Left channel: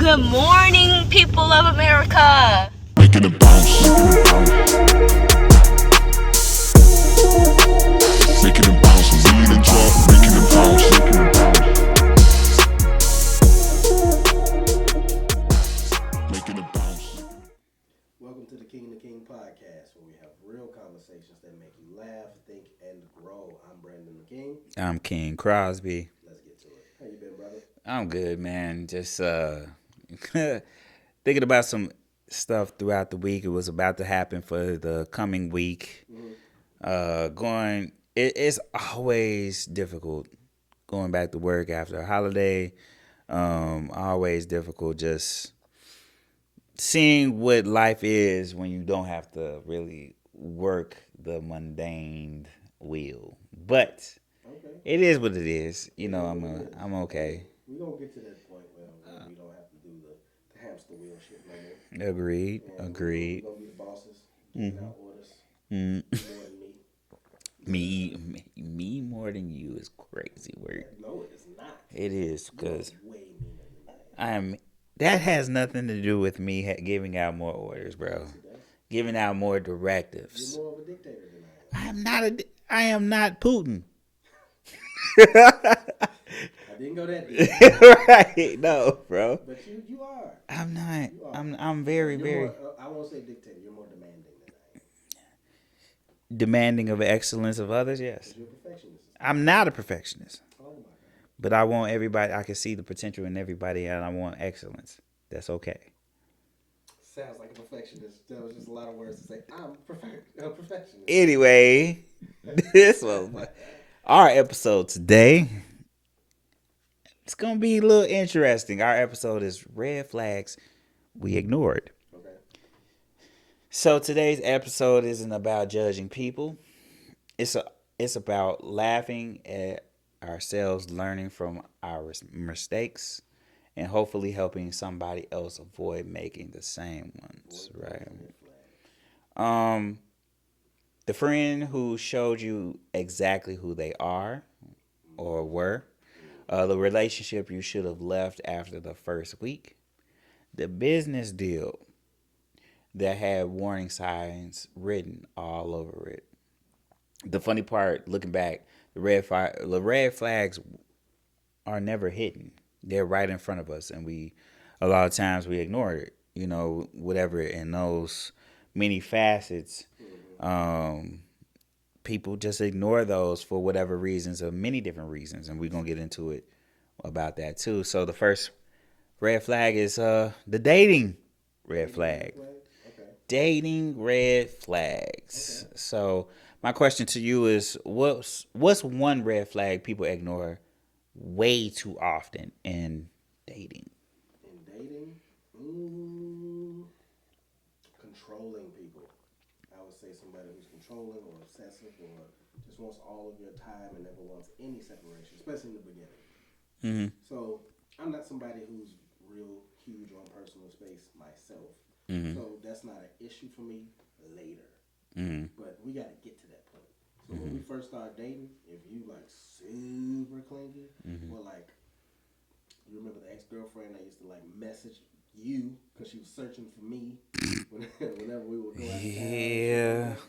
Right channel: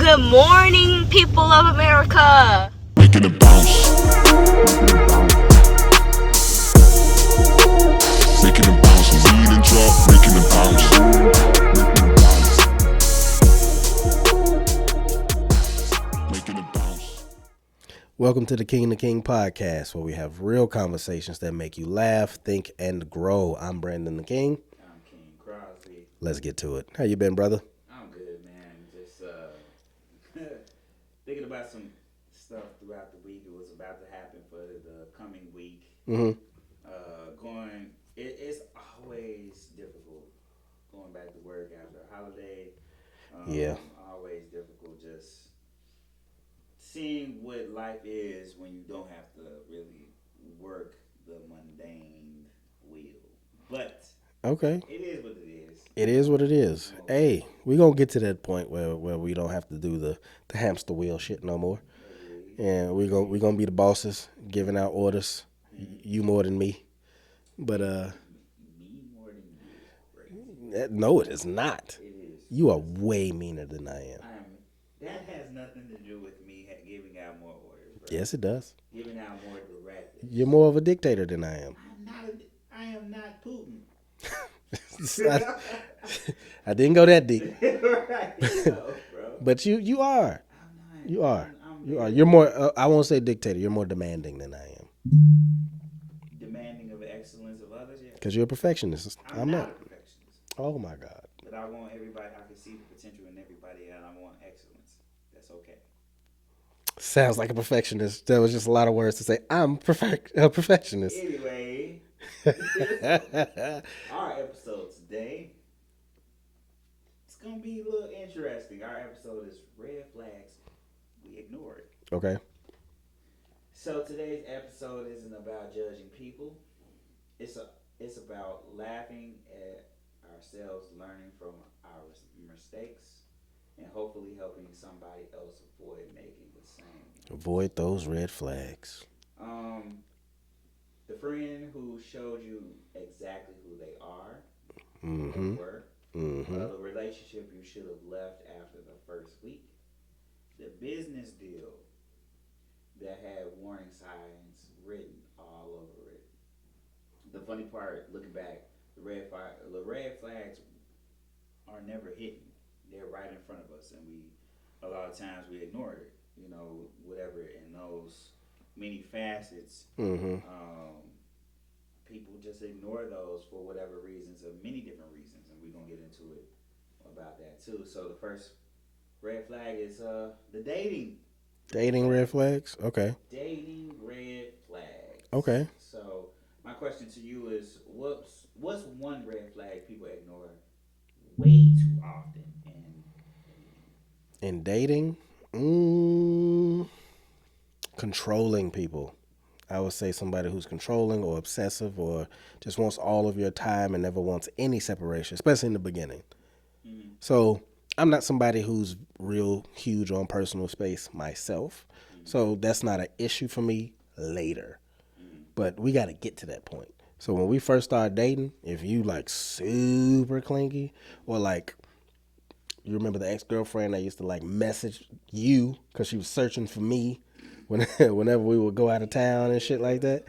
Good morning, people of America. Making it bounce. Making it bounce. Lean and drop, making it bounce. Making it bounce. Welcome to the King and King podcast, where we have real conversations that make you laugh, think, and grow. I'm Brandon the King. I'm King Crosby. Let's get to it. How you been, brother? I'm good, man. Just thinking about some stuff throughout the week. It was about to happen for the coming week. It's always difficult going back to work after a holiday. Always difficult just seeing what life is when you don't have to really work the mundane wheel. But Okay. it is what it is. It is what it is. I'm okay. Hey, we're going to get to that point where we don't have to do the hamster wheel shit no more. Agreed. And we're going to be the bosses, giving out orders. You more than me. But me more than you is crazy. no, it is not. It is. You are way meaner than I am. That has nothing to do with me giving out more orders, bro. Yes, it does. Giving out more directives. You're more of a dictator than I am. I am not Putin. I didn't go that deep. Right? No, bro. But you are. I'm not. You are. I'm very. You're more. I won't say dictator. You're more demanding than I am. demanding of excellence of others. Yes. Because you're a perfectionist. I'm not a perfectionist. Oh my God. But I want everybody. I can see the potential in everybody, and I want excellence. That's okay. Sounds like a perfectionist. That was just a lot of words to say. I'm a perfectionist. Anyway, our episode today, it's going to be a little interesting. Our episode is Red Flags We Ignored. Okay. So today's episode isn't about judging people. It's about laughing at ourselves, learning from our mistakes, and hopefully helping somebody else avoid making the same ones. Avoid those red flags. The friend who showed you exactly who they are or were, the relationship you should have left after the first week, the business deal that had warning signs written all over it. The funny part, looking back, the red flags are never hidden. They're right in front of us, and a lot of times we ignore it. You know, whatever in those many facets, people just ignore those for whatever reasons, or many different reasons, and we're gonna get into it about that too. So the first red flag is the dating. Red flags? Okay. Dating red flags. Okay. So my question to you is, what's one red flag people ignore way too often in dating? In dating, controlling people. I would say somebody who's controlling or obsessive or just wants all of your time and never wants any separation, especially in the beginning. So I'm not somebody who's real huge on personal space myself. So that's not an issue for me later. But we got to get to that point. So when we first start dating, if you like super clingy or like, you remember the ex-girlfriend that used to like message you because she was searching for me whenever we would go out of town and shit like that.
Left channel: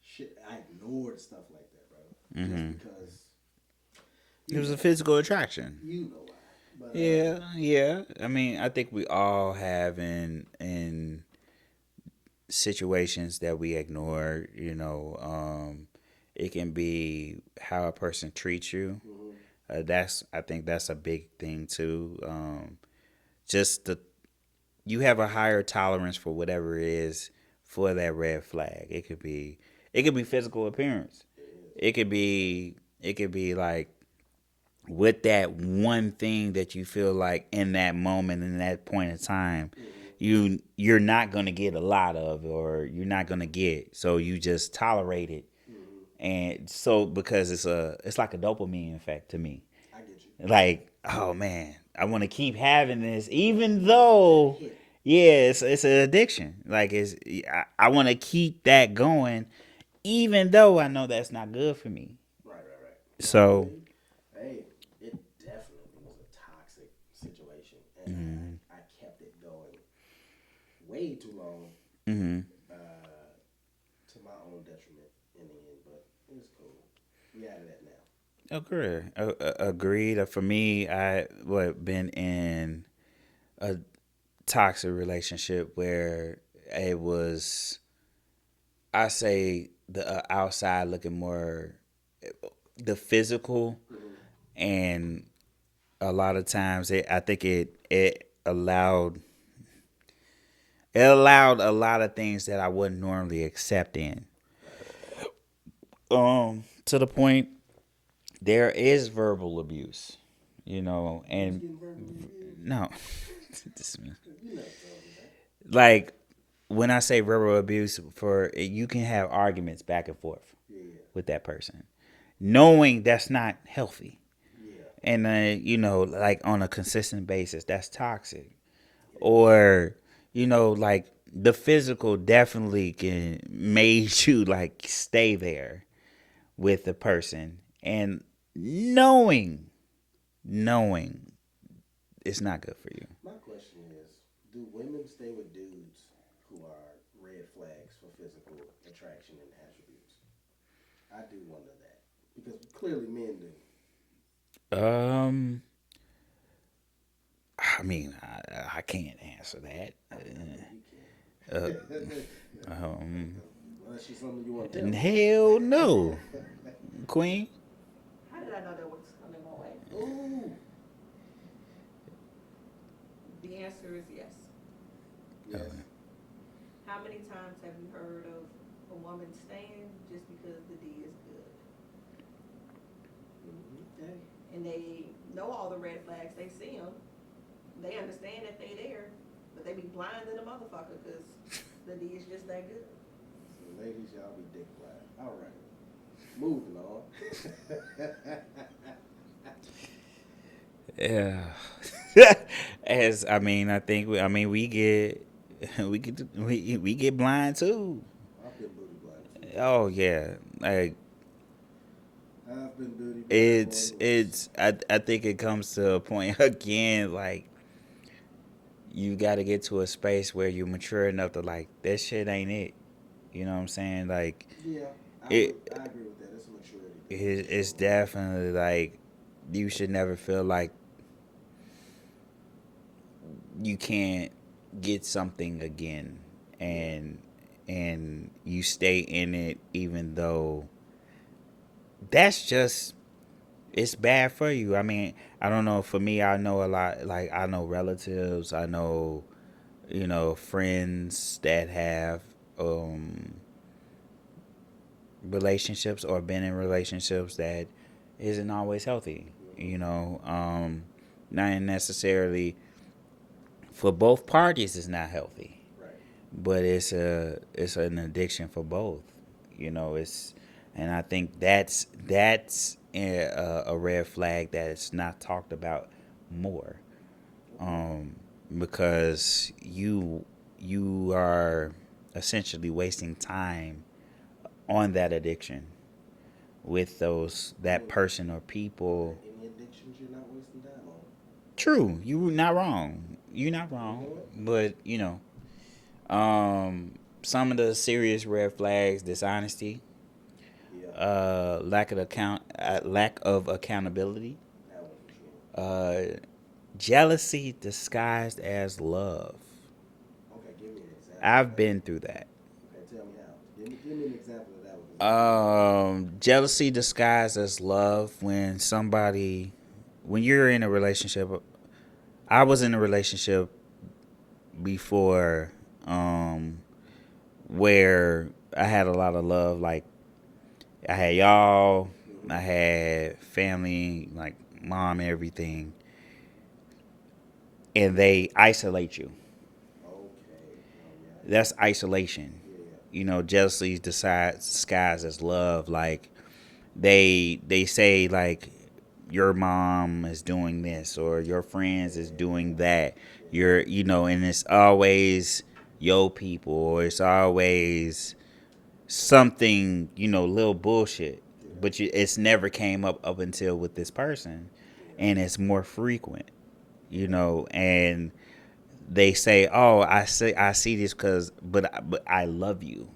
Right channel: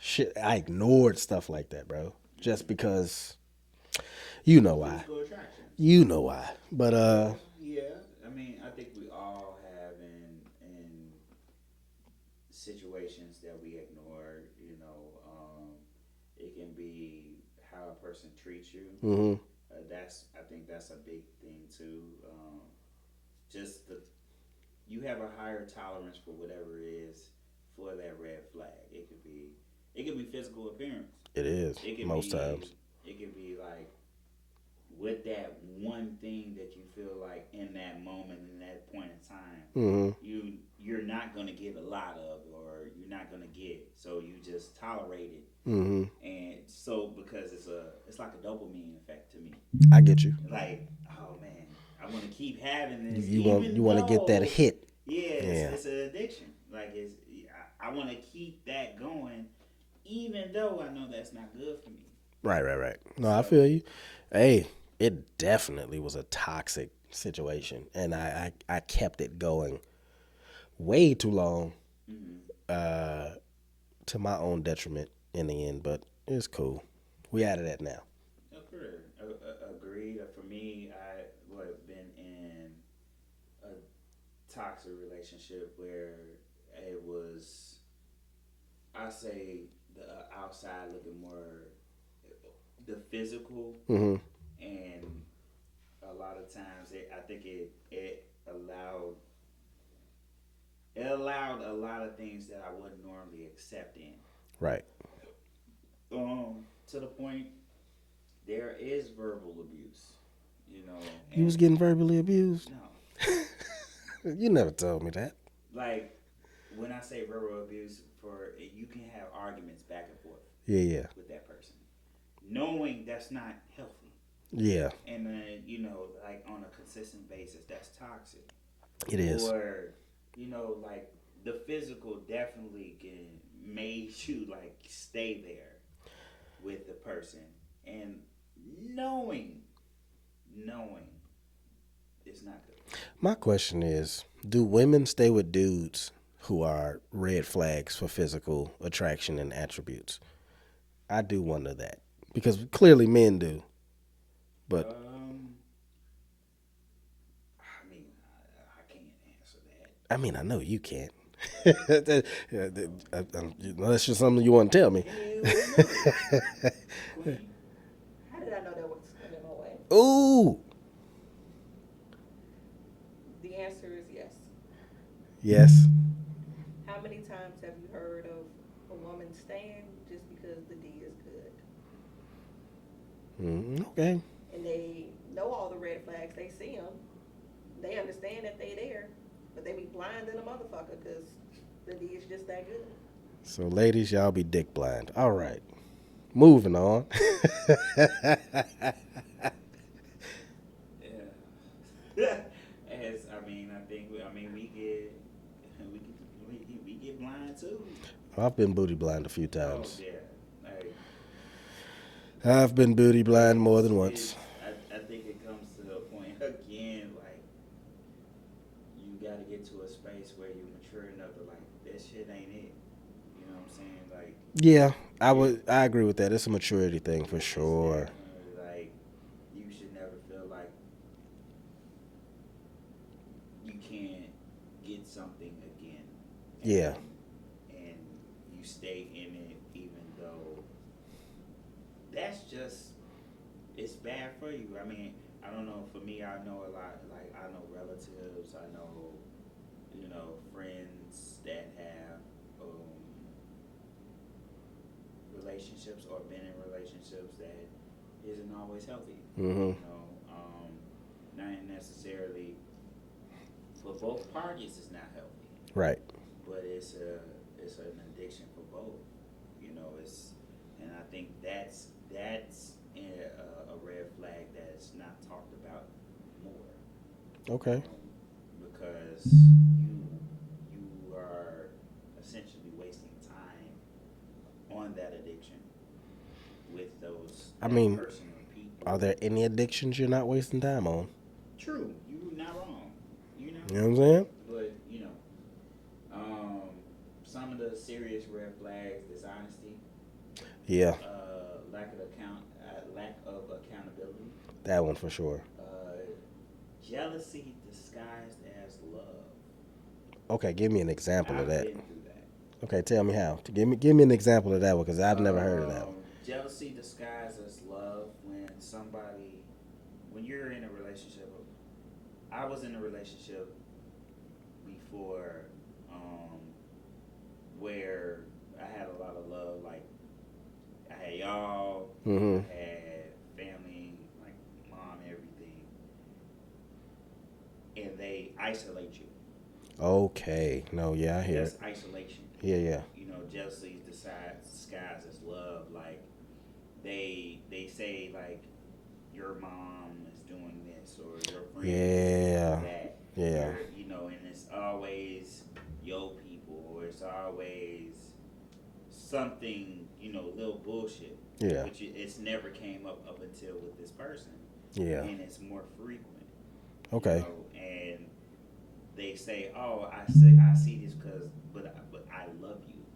Shit, I ignored stuff like that, bro. Just because you know It's a physical attraction. You know why. But Yeah. I mean, I think we all have in situations that we ignore. You know, it can be how a person treats you. I think that's a big thing too. You have a higher tolerance for whatever it is for that red flag. It could be physical appearance. it is. It could be like with that one thing that you feel like in that moment, in that point in time, you're not gonna get a lot of, or you're not gonna get, so you just tolerate it. And so because it's like a dopamine effect to me. I get you. Like, oh man, I want to keep having this, You even wanna though get that hit. Yeah, it's an addiction. Like I want to keep that going, even though I know that's not good for me. Right. No, So- I feel you. Hey, it definitely was a toxic situation, and I kept it going way too long, to my own detriment in the end. But it's cool. We out of that now. Agreed. For me, I been in a toxic relationship where it was, I say, the outside looking more the physical, and a lot of times I think it allowed a lot of things that I wouldn't normally accept in. Right. To the point there is verbal abuse, and You was getting verbally abused? no. You never told me that. Like when I say verbal abuse, you can have arguments back and forth. Yeah. With that person, knowing that's not healthy. Yeah. And like on a consistent basis, that's toxic. It is. Or like the physical definitely can made you like stay there with the person, and knowing it's not good for you. My question is, do women stay with dudes who are red flags for physical attraction and attributes? I do wonder that, because clearly men do. But I mean, I can't answer that. I mean, I know you can't. That's just something you want to tell me. Hell no. Queen? How did I know that was coming my way? Ooh. The answer is yes. Yes. How many times have you heard of a woman staying just because the D is good? Okay. And they know all the red flags. They see them. They understand that they there, but they be blind to the motherfucker because the D is just that good. So, ladies, y'all be dick blind. All right. Moving on. Yeah. We get blind too. I've been booty blind a few times. Oh yeah. Like I've been booty blind more than once. I think it comes to a point again, like you got to get to a space where you're mature enough to like that shit ain't it. You know what I'm saying? Like yeah, I agree with that. It's a maturity thing for sure. It's definitely like you should never feel like you can't get something again, and you stay in it even though that's just it's bad for you. I mean, I don't know. For me, I know a lot. Like I know relatives. I know, friends that have relationships or been in relationships that isn't always healthy. Not necessarily for both parties. It's not healthy. Right. But it's an addiction for both. And I think that's a red flag that is not talked about more. Okay. Because you are essentially wasting time on that addiction with that person or people. Are there any addictions you're not wasting time on? True, you're not wrong. You're not wrong. You know what I'm saying? But some of the serious red flags: dishonesty. Yeah. Lack of accountability. That one for sure. Jealousy disguised as love. Okay, give me an example of that. I've been through that. Okay, tell me how. Give me an example of that one, because I've never heard of that. Jealousy disguised as love when you're in a relationship. I was in a relationship before where I had a lot of love. Like I had y'all, I had family, like mom, everything, and they isolate you. Okay. No, yeah. I hear That's it. isolation. Yeah. Jealousy disguised as love. Like they say like your mom is doing this or your friends is doing that. Yeah. And it's always your people, or it's always something, little bullshit. Yeah. But it's never came up until with this person. Yeah. And it's more frequent. you Okay. know, and they say, "Oh, I see this but I love you,"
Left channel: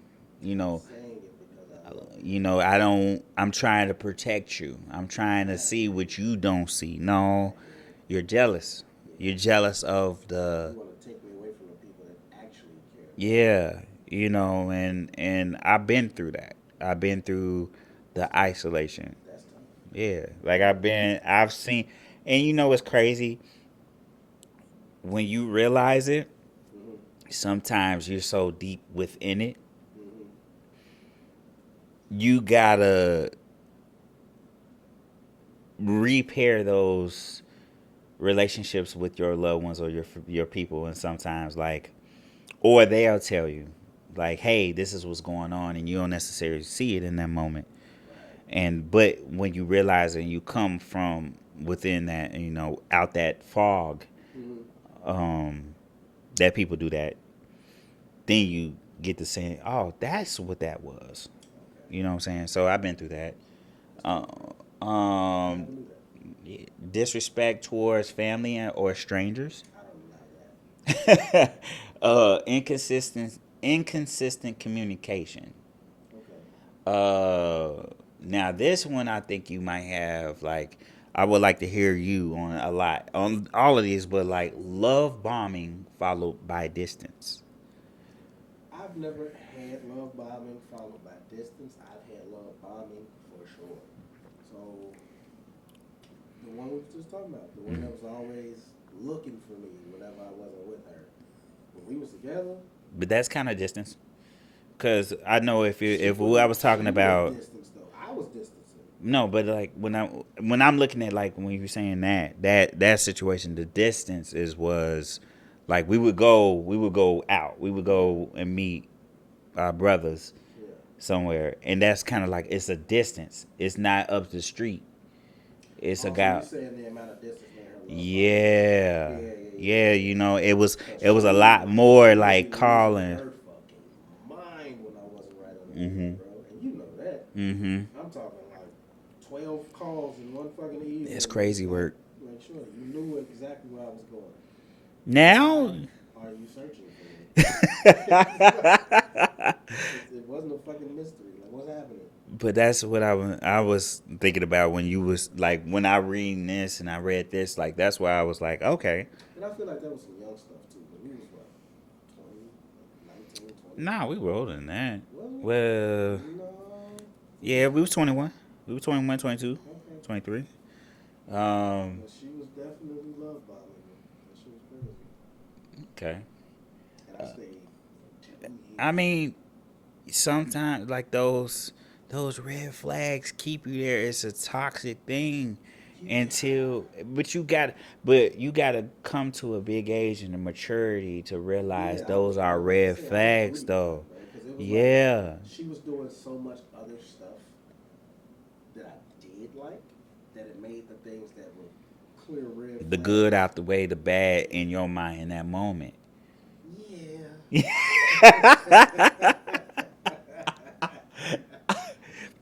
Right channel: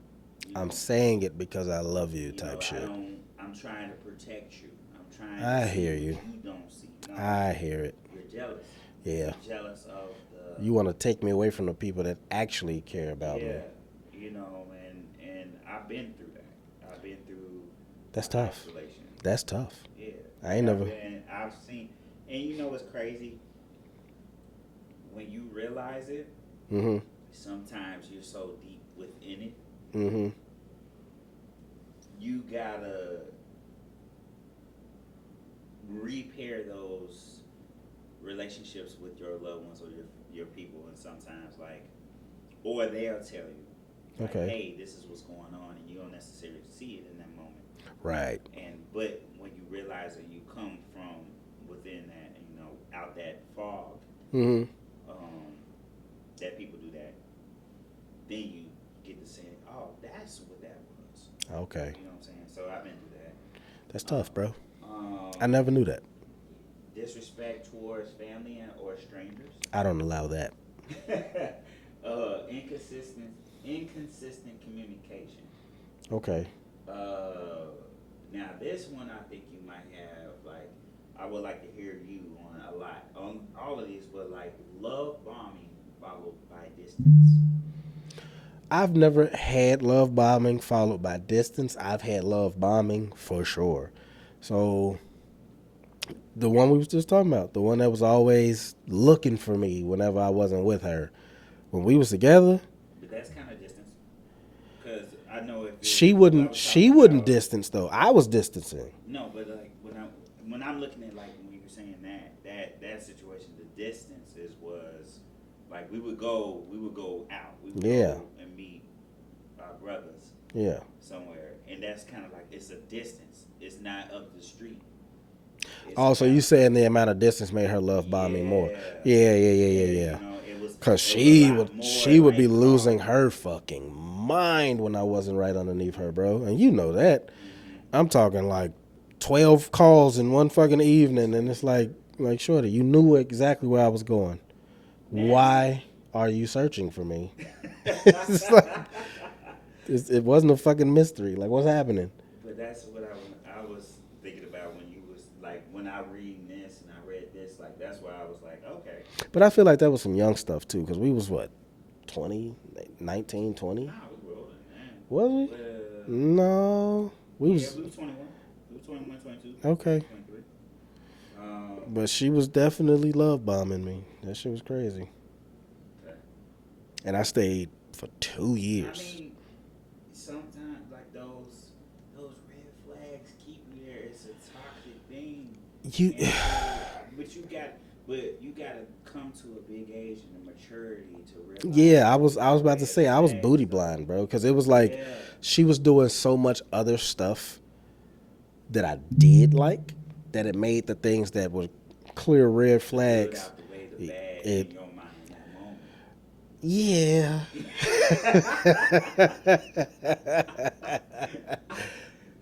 you I'm know. saying it because I love you. You type know, shit. I'm trying to protect you. I'm trying to I see hear what you. you don't see. No, I hear it. you're jealous. Yeah. You're jealous of the You want to take me away from the people that actually care about me. yeah, you know, and I've been through that. I've been through That's the tough. isolation. That's tough. Yeah, I like ain't I've seen, and you know what's crazy? When you realize it, Mm-hmm. sometimes you're so deep within it, Mm-hmm. you gotta repair those relationships with your loved ones or your people, and sometimes or they'll tell you Okay. hey, this is what's going on, and you don't necessarily see it in that moment. Right. But when you realize and you come from within that, out that fog, Mm-hmm. that people do that, then you get to saying, oh, that's what that was. Okay. You know what I'm saying? So I've been through that. That's tough, bro. Um, I never knew that. Disrespect towards family or strangers. I don't allow that. Inconsistent communication. Okay. Now this one I think you might have I would like to hear you on a lot on all of these, but love bombing followed by distance. I've never had love bombing followed by distance. I've had love bombing for sure. So the one we was just talking about, the one that was always looking for me whenever I wasn't with her. When we was together, But that's kind of distance, because I know if she who I wouldn't was talking she wouldn't about. distance though. I was distancing. No, but when I'm looking at when you're saying that situation, the distance was we would go out, we would go and meet our brothers Yeah. somewhere, and that's kind of it's a distance. It's not up the street. It's Also, you saying the amount of distance made her love bomb me more. yeah, Yeah. You know, it was Cause a lot more she would be calling. losing her fucking mind when I wasn't right underneath her, bro. And you know that. Mm-hmm. I'm talking 12 calls in one fucking evening. It's crazy and it's work. like, shorty, you knew exactly where I was going. Now, why are you searching for me? It wasn't a fucking mystery. Like, what's happening? But that's what I was thinking about when you was when I read this and I read this, that's why I was okay. But I feel like that was some young stuff too, because we was what, 20, 19, 20? Nah, we were older than that. Was we? Well, No. we was 21. We were 21, 22, Okay. 23. But she was definitely love bombing me. That shit was crazy. Okay. And I stayed for 2 years. I mean, sometimes those red flags keep you there. It's a toxic thing. But you gotta come to a big age and a maturity to realize. Yeah, I was those are about to red say I was flags, booty though. blind, bro, because it was she was doing so much other stuff that I did that it made the things that were clear red The flags. good out the way, the bad in your mind in that moment. Yeah.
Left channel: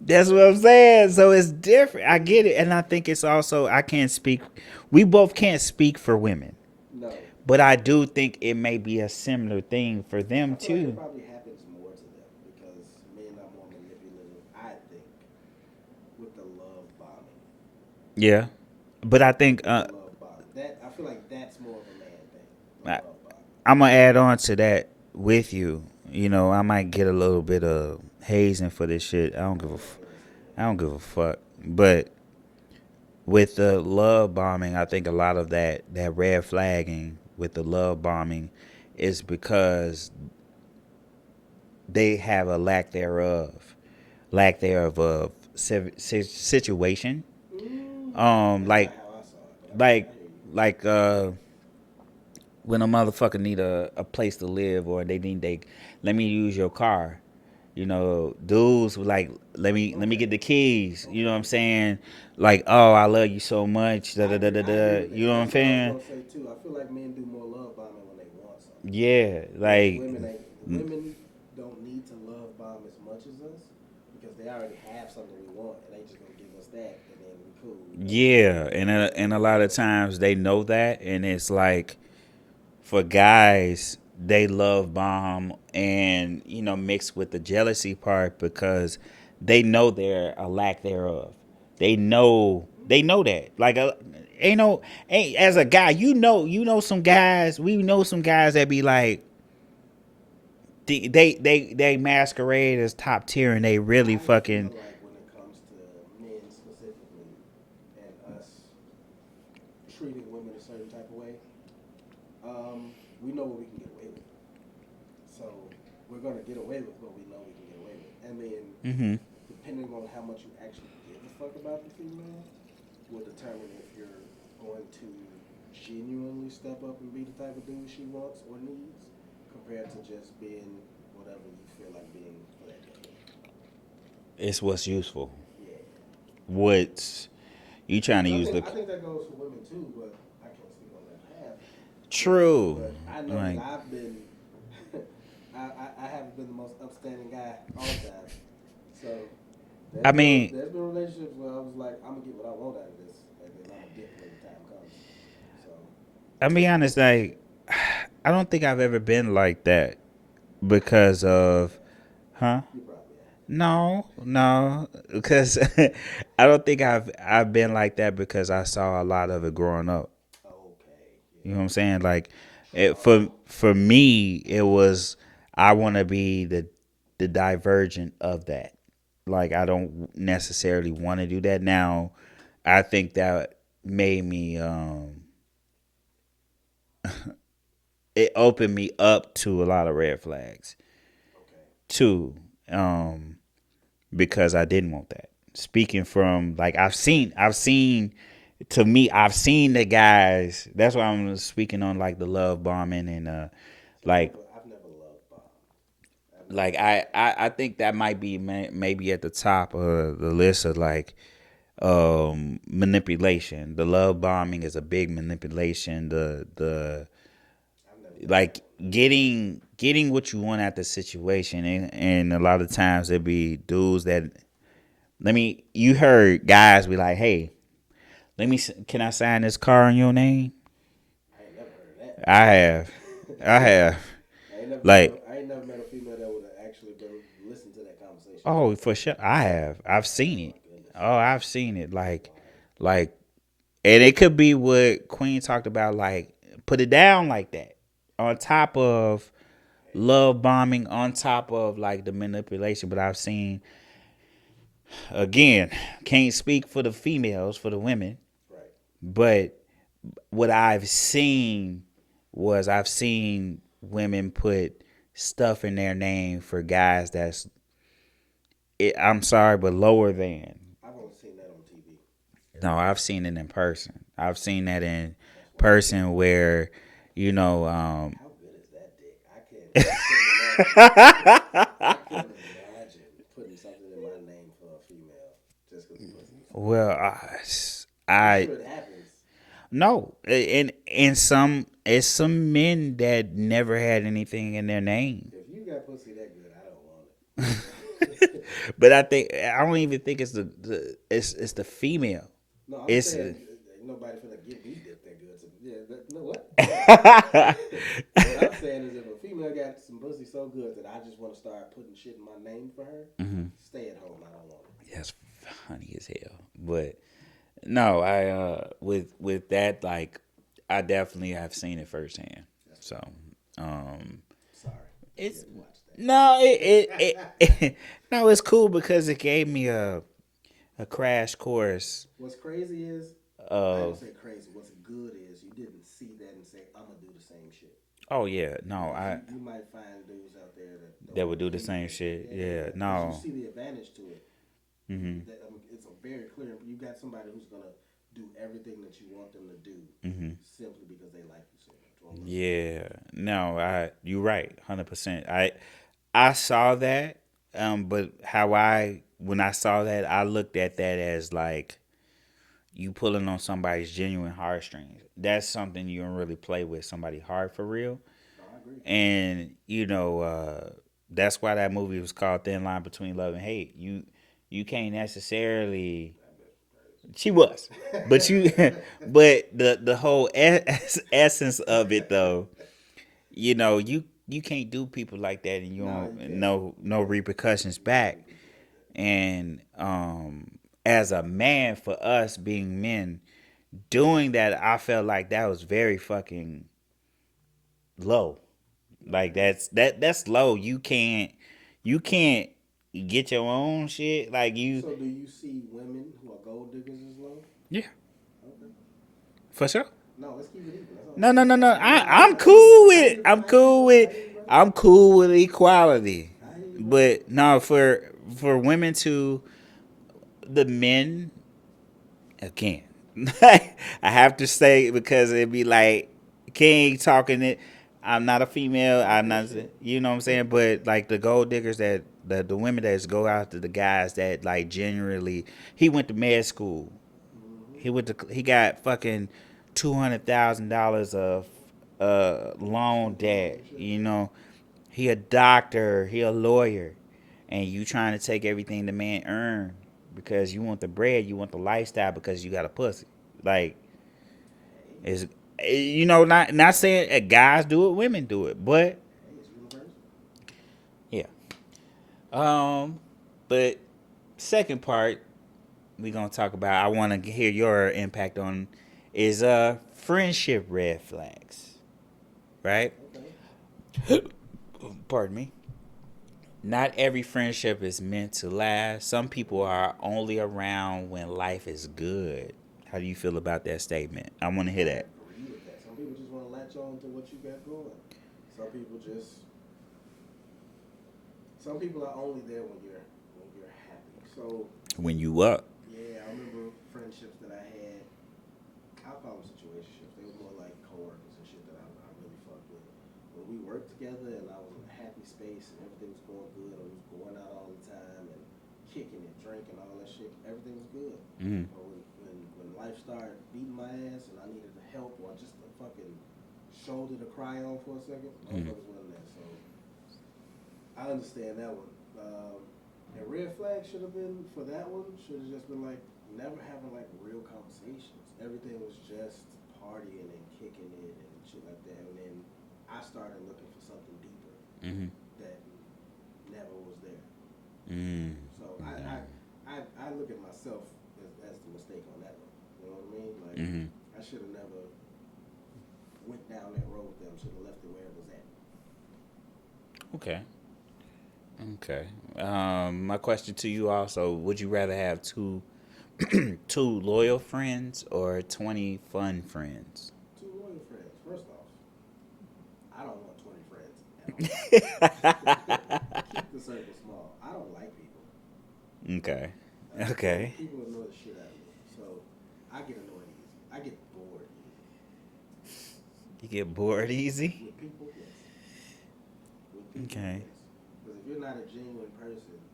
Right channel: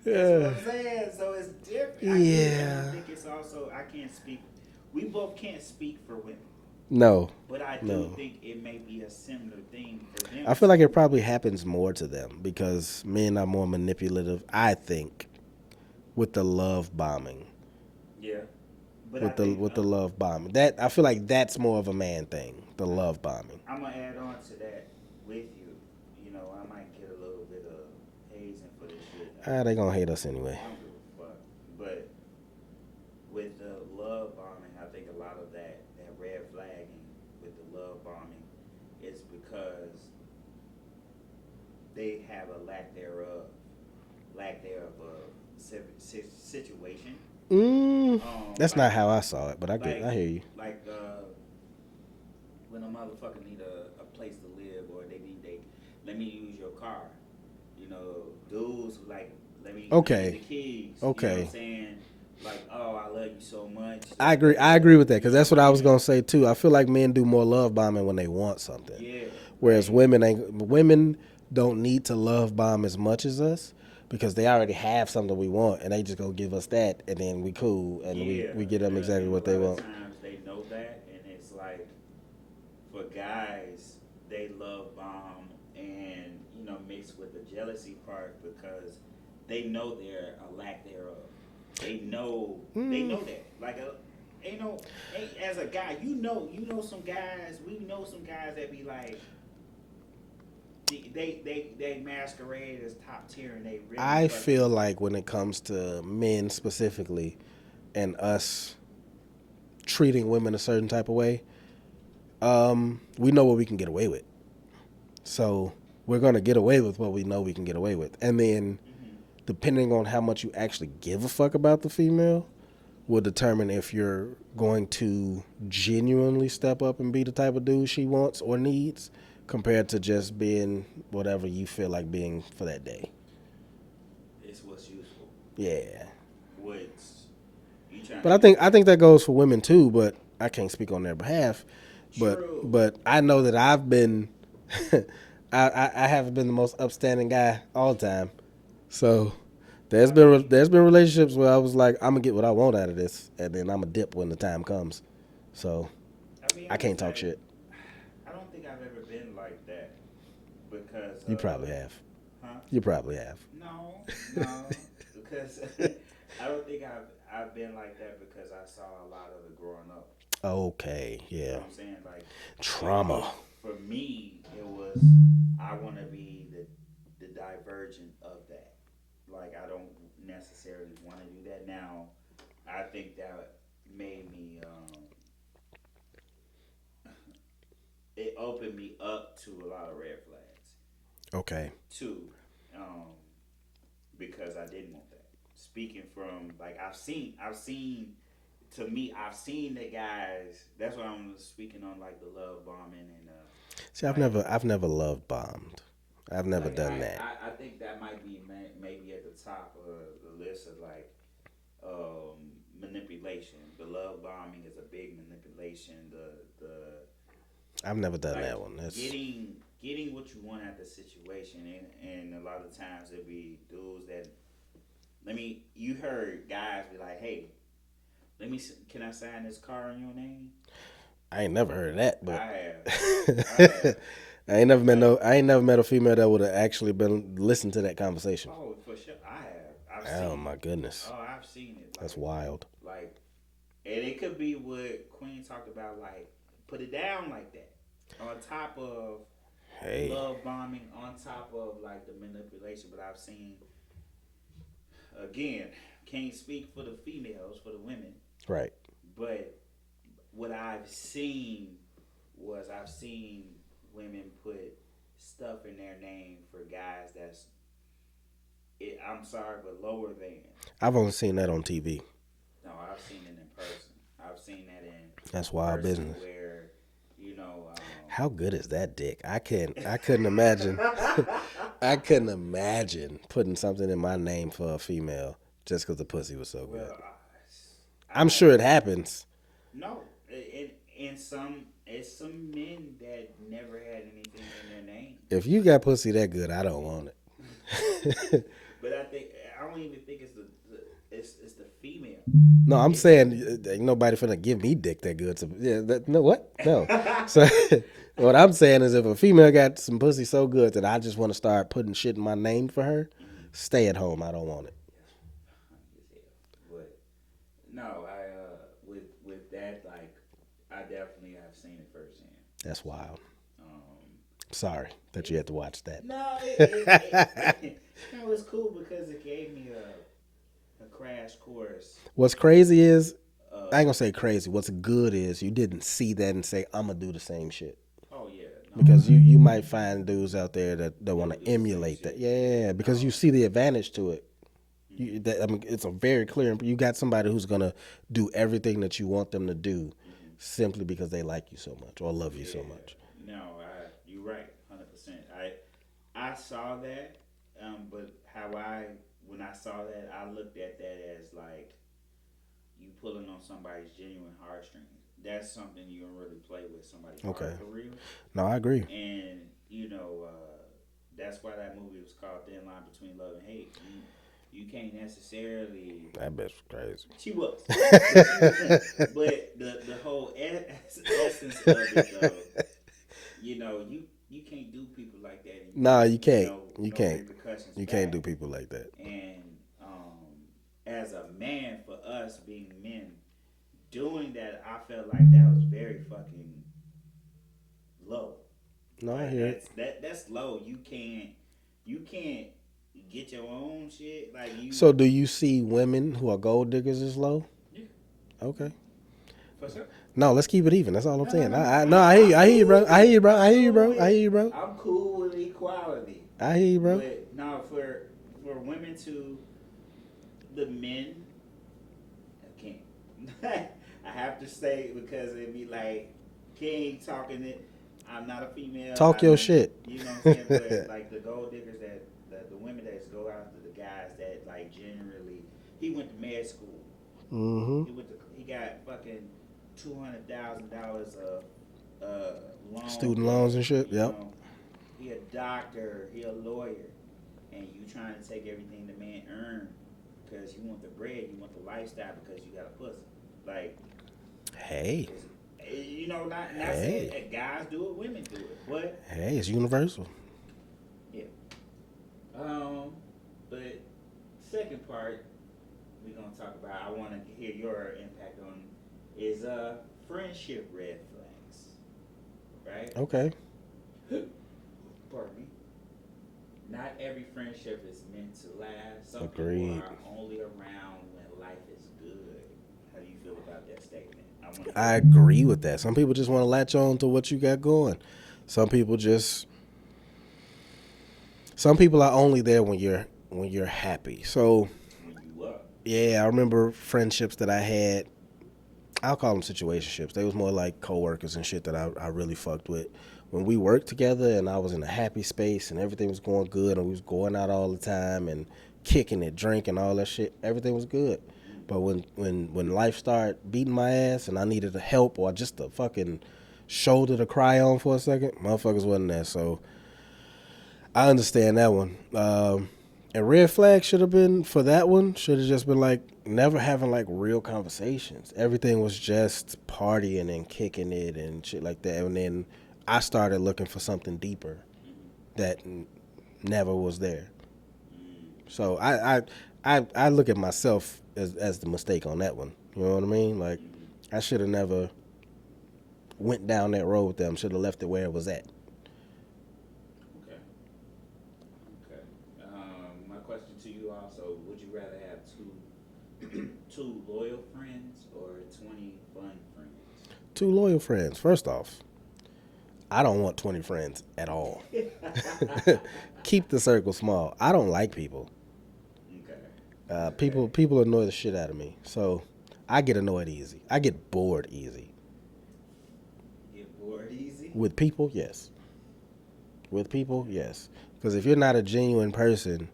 That's what I'm saying. So it's different. I get it, and I think it's also I can't speak. We both can't speak for women. No. But I do think it may be a similar thing for them. I feel like too. it probably happens more to them because men are more manipulative, I think, with the love bombing. Yeah. But I With think the love bombing. That I feel like that's more of a man thing, the love bombing. I'm going to add on to that with you. You know, I might get a little bit of hazing for this shit. They going to hate us anyway. I don't give a fuck. But with the love bombing, I think a lot of that red flagging with the love bombing is because they have a lack thereof of situation. That's not how I saw it, but I hear you. When a motherfucker need a place to live, or let me use your car. You know, dudes were let me get the keys. Okay. You know what I'm saying? Oh, I love you so much. I agree with that, because that's what I was saying? gonna say too. I feel like men do more love bombing when they want something. Yeah, Whereas women don't need to love bomb as much as us, because they already have something we want, and they just go give us that, and then we cool. And Yeah, we give and them exactly and a what lot they of want. times they know that, and it's like for guys, they love bomb and mixed with the jealousy part because they know there a lack thereof. They know that like ain't as a guy some guys we know some guys that be like they masquerade as top tier and they really I fucking feel like when it comes to men specifically, and us treating women a certain type of way, we know what we can get away with. So we're gonna get away with what we know we can get away with, and then depending on how much you actually give a fuck about the female, will determine if you're going to genuinely step up and be the type of dude she wants or needs, compared to just being whatever you feel like being for that day. it's what's useful. Yeah. What's you trying to But use I think that goes for women too, but I can't speak on their behalf. True. But I know that I've been I haven't been the most upstanding guy all the time. So there's been relationships where I was like, I'm gonna get what I want out of this, and then I'm gonna dip when the time comes. So I'll be honest, can't take like shit. I don't think I've ever been like that because You of probably have. huh? You probably have. No, because I don't think I've been like that because I saw a lot of it growing up. Okay. Yeah. You know what I'm saying? Like Trauma. for me, it was I want to be the divergent of that. Like I don't necessarily want to do that now. I think that made me it opened me up to a lot of red flags Okay. too, because I didn't want that. Speaking from like I've seen the guys. That's why I'm speaking on like the love bombing and See, like I've never love bombed. I've never like done that. I think that might be maybe at the top of the list of like manipulation. The love bombing is a big manipulation. The I've never done like that one. getting what you want out the situation, and a lot of times it be dudes that you heard guys be like, hey, can I sign this car in your name? I ain't never heard of that. I have I ain't never like I ain't never met a female that would have actually been listened to that conversation. oh for sure I've seen it. Oh my goodness. Oh, I've seen it. Like That's wild. Like, and it could be what Queen talked about, like, put it down like that. On top of love bombing, on top of, like, the manipulation. But I've seen, again, can't speak for the females, for the women. Right. But what I've seen women put stuff in their name for guys that's, I'm sorry, but lower than. I've only seen that on TV. No, I've seen it in person. I've seen that in That's wild, person isn't it? where, How good is that dick? I couldn't imagine. I couldn't imagine putting something in my name for a female just because the pussy was so. well, I'm sure it happens. No, and it's some men that never had anything in their name. If you got pussy that good, I don't want it. But I don't even think it's it's the female. No, I'm It's- saying ain't nobody finna give me dick that good. No, what? No. So, what I'm saying is if a female got some pussy so good that I just want to start putting shit in my name for her, stay at home. I don't want it. That's funny as hell. But no, I with that, like, I definitely have seen it firsthand. That's wild. Um, Sorry that you had to watch that. No, no, it's cool because it gave me a crash course. What's crazy is, I ain't gonna say crazy. What's good is you didn't see that and say, I'm gonna do the same shit. Oh yeah, no, Because you might find dudes out there that want would to do the same emulate shit. that. Yeah, because no. you see the advantage to it. It's a very clear. You got somebody who's gonna do everything that you want them to do, simply because they like you so much or love you so much. No, you're right, 100%. I saw that, but when I saw that, I looked at that as like you pulling on somebody's genuine heartstrings. That's something you don't really play with somebody hard for real. No, I agree. And that's why that movie was called Thin Line Between Love and Hate. you can't necessarily. That bitch was crazy. She was, but the whole essence of it though, you can't do people like that, and You can't. no can't. repercussions You back. can't do people like that. And as a man, for us being men, doing that, I felt like that was very fucking low. No, Like that's low. You can't get your own shit. Like you. So do you see women who are gold diggers as low? Yeah, Okay. for sure. No, let's keep it even. That's all No, I'm saying. no. I hear you, bro. I hear you, bro. I'm cool with equality. I hear you, bro. But no, for women to the men, again, I have to say, because it'd be like King talking it. I'm not a female. Talk I'm your not, shit. You know what I'm saying? But like the gold diggers the women that go after the guys that like generally, he went to med school. Mm-hmm. He got fucking $200,000 of loan Student debt. loans and shit. You Yeah. know, he a doctor, he a lawyer, and you trying to take everything the man earned because you want the bread, you want the lifestyle because you got a pussy. Like, Hey. it's not saying guys do it, women do it, but Hey, it's universal. yeah. But second part we gonna talk about, I want to hear your impact on, is friendship red flags, right? Okay. Pardon me. Not every friendship is meant to last. Some people Agreed. are only around when life is good. How do you feel about that statement? I want to hear I that. agree with that. Some people just want to latch on to what you got going. Some people are only there when you're happy. So When you up. yeah, I remember friendships that I had. I'll call them situationships. They was more like coworkers and shit that I really fucked with. When we worked together and I was in a happy space and everything was going good and we was going out all the time and kicking it, drinking, all that shit, everything was good. But when life started beating my ass and I needed a help or just a fucking shoulder to cry on for a second, motherfuckers wasn't there. So I understand that one. And red flag should have been, for that one, should have just been like never having like real conversations. Everything was just partying and kicking it and shit like that. And then I started looking for something deeper that never was there. So I look at myself as the mistake on that one. You know what I mean? Like I should have never went down that road with them. Should have left it where it was at. Okay. My question to you also: would you rather have two loyal friends or 20 fun friends? 2 loyal friends. First off, I don't want 20 friends at all. Keep the circle small. I don't like people. Okay. Okay. People annoy the shit out of me. So I get annoyed easy. I get bored easy. You get bored easy? With people, yes. With people, Okay. yes. Because if you're not a genuine person,